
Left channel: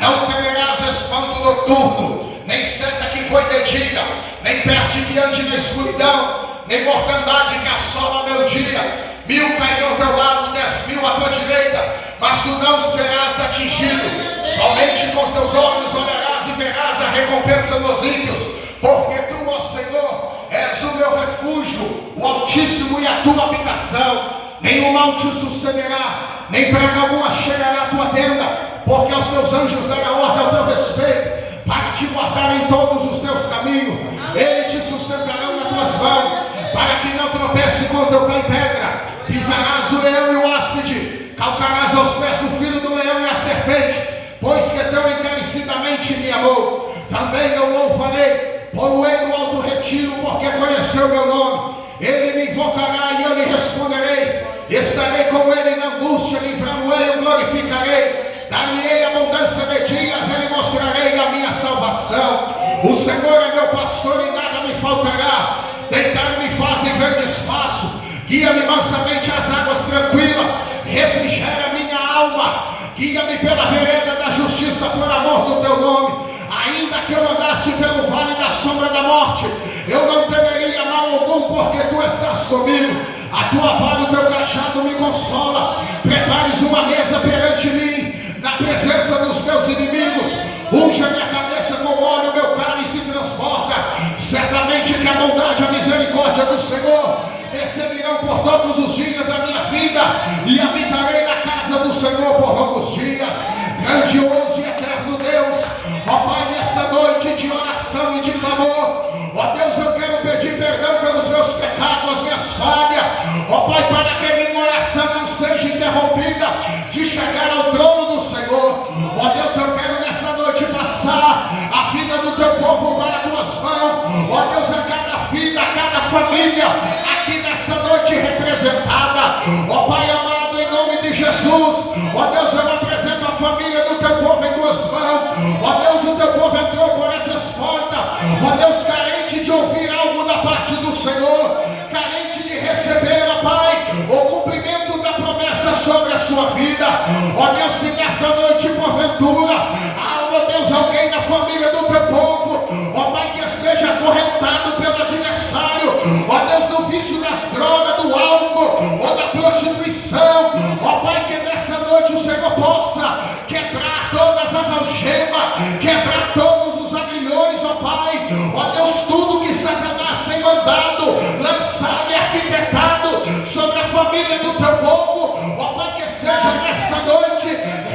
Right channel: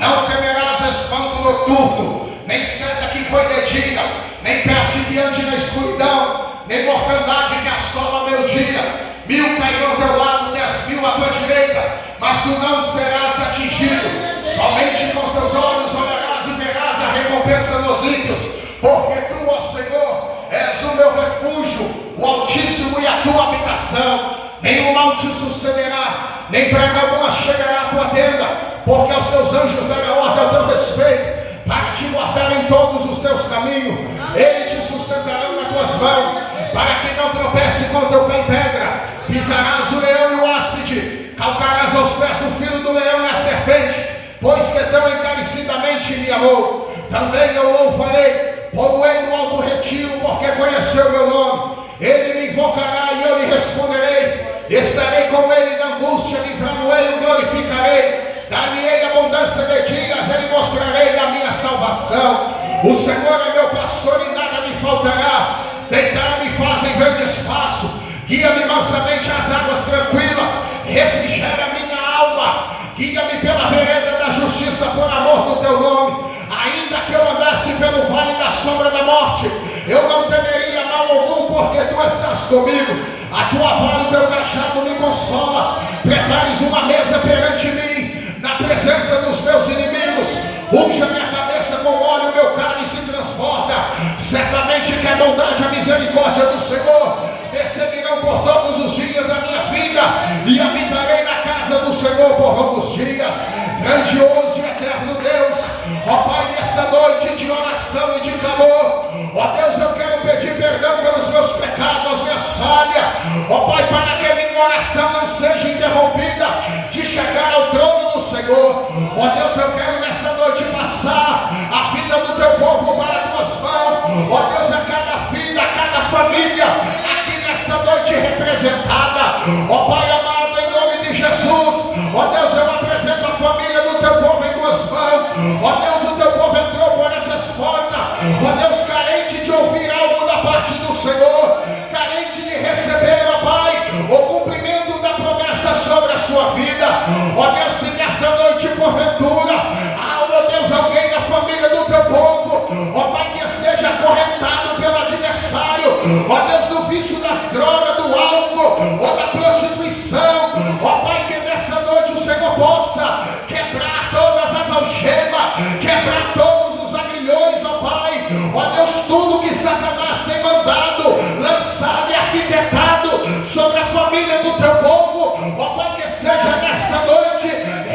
Não temerás espanto noturno, nem seta que foi de dia, nem peste que ande na escuridão, nem mortandade que assola o meu dia. 1000 cairão ao teu lado, 10.000 à tua direita, mas tu não serás atingido. Somente com os teus olhos olharás e verás a recompensa dos ímpios, porque tu, ó Senhor, és o meu refúgio, o Altíssimo e a tua habitação. Nenhum mal te sucederá, nem praga alguma chegará à tua tenda, porque aos teus anjos dará ordem ao teu respeito, para te guardar em todos os teus caminhos. Eles te sustentarão nas tuas mãos, para que não tropece com o teu pé em pedra. Pisarás o leão e o áspide, calcarás aos pés do filho do leão e a serpente, pois que tão encarecidamente me amou. Também eu louvarei, pô-lo-ei no alto retiro, porque conheceu meu nome. Ele me invocará e eu lhe responderei. Estarei com ele na angústia, livrá-lo-ei e o glorificarei. Dar-lhe-ei abundância de dias, ele mostrarei a minha salvação. O Senhor é meu pastor e nada me faltará. Deitar-me fazem verde espaço, guia-me mansamente às águas tranquilas, refrigera minha alma, guia-me pela vereda da justiça por amor do teu nome. Ainda que eu andasse pelo vale da sombra da morte, eu não temeria mal algum, porque tu estás comigo. A tua vara e o teu cajado me consola. Prepares uma mesa perante mim, na presença dos meus inimigos. Unge a minha cabeça com óleo, meu cálice transborda. Certamente que a bondade e a misericórdia do Senhor me seguirão por todos os dias da minha vida, e habitarei na casa do Senhor por longos dias. Grandioso e eterno Deus, ó Pai, nesta noite de oração e de clamor, ó Deus, eu quero pedir perdão pelos meus pecados, as minhas falhas, ó Pai, para que a minha oração não seja interrompida de chegar ao trono do Senhor. Ó Deus, eu quero nesta noite passar a vida do teu povo para as tuas mãos. Ó Deus, a cada vida, a cada família aqui nesta noite representada, ó Pai amado, em nome de Jesus. Ó Deus, eu apresento a família do teu povo em tuas mãos. Ó Deus, o teu povo entrou por essas portas, ó Deus, carente de ouvir algo da parte do Senhor, carente de receber, ó Pai, o cumprimento da promessa sobre a sua vida. Ó Deus, se nesta noite porventura há, ó Deus, alguém da família do teu povo, ó Pai, que esteja acorrentado pelo adversário, ó Deus, do vício das drogas, do álcool ou da prostituição, ó Pai, que nesta noite o Senhor possa quebrar todas as algemas, quebrar todos os agrilhões, ó Pai. Ó Deus, tudo que Satanás tem mandado, lançado e arquitetado sobre a família do teu povo, ó Pai, que seja nesta noite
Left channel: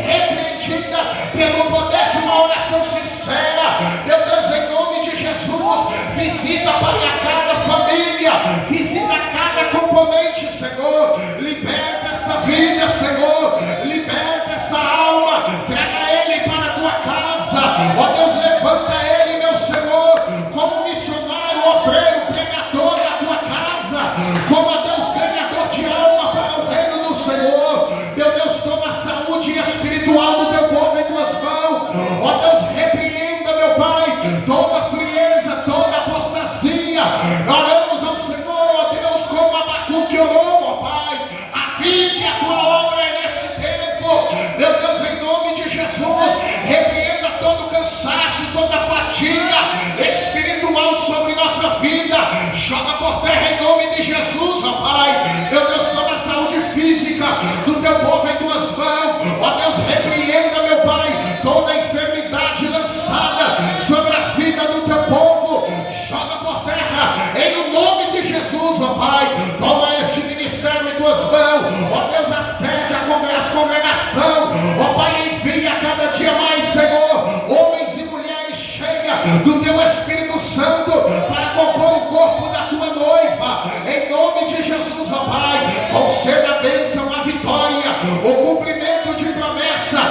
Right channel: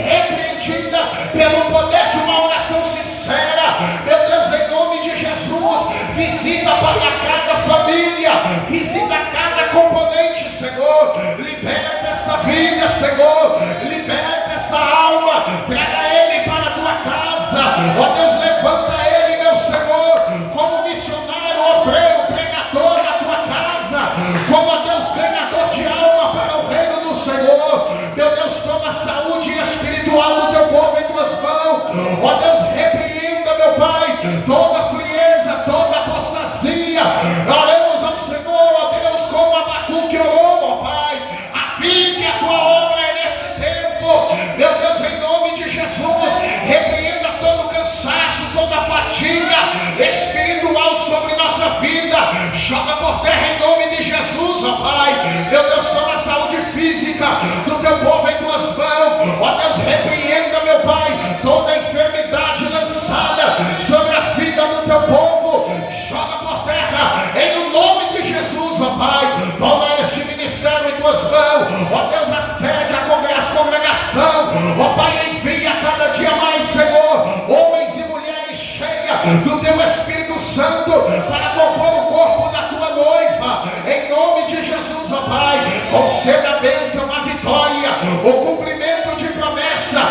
repreendida pelo poder de uma oração sincera. Meu Deus, em nome de Jesus, visita, Pai, a cada família, visita cada componente, Senhor. Liberta esta vida, Senhor, liberta esta alma, traga ele para a tua casa. Ó Deus, levanta ele, meu Senhor, como missionário, obreiro, pregador da tua casa, como, ó Deus, ganhador de alma para o reino do Senhor. Meu Deus, toma a saúde espiritual do teu povo em tuas mãos. Ó Deus, repreenda, meu Pai, toda frieza, toda apostasia. Oremos ao Senhor, ó Deus, como Abacuque orou, ó Pai, avive a tua obra nesse tempo. Meu Deus, em nome de Jesus, repreenda todo cansaço, toda fadiga espiritual sobre nossa vida. Joga por terra em nome de Jesus, ó Pai. Meu Deus, toma a saúde física do teu povo em tuas mãos. Ó Deus, repreenda, meu Pai, toda enfermidade lançada sobre a vida do teu povo. Joga por terra em nome de Jesus, ó Pai. Toma este ministério em tuas mãos. Ó Deus, acede a congregação. Ó Pai, envia cada dia mais, Senhor, homens e mulheres cheias do teu Espírito Santo para compor o corpo da tua noiva. Em nome de Jesus, ó Pai, conceda a bênção, a vitória, o cumprimento de promessa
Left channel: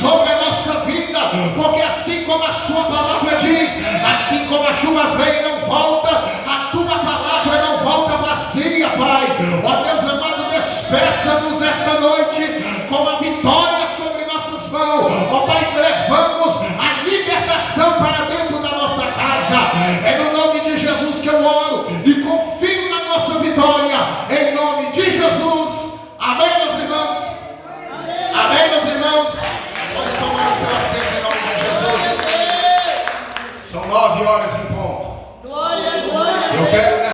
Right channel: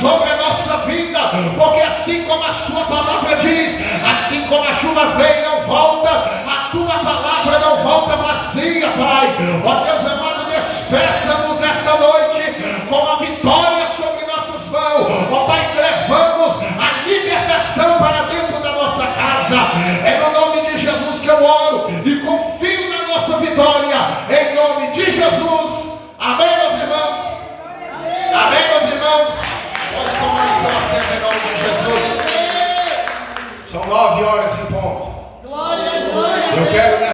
sobre a nossa vida, porque assim como a sua palavra diz, assim como a chuva vem e não volta, a tua palavra não volta vazia, Pai. Ó Deus amado, despeça-nos nesta noite com a vitória sobre nossas mãos. Ó Pai, levamos a libertação para dentro da nossa casa. É no nome de Jesus que eu oro e confio na nossa vitória. Em nome de Jesus. Amém, meus irmãos? Amém, meus irmãos? Pode tomar o seu assento em nome de Jesus. São 9 horas.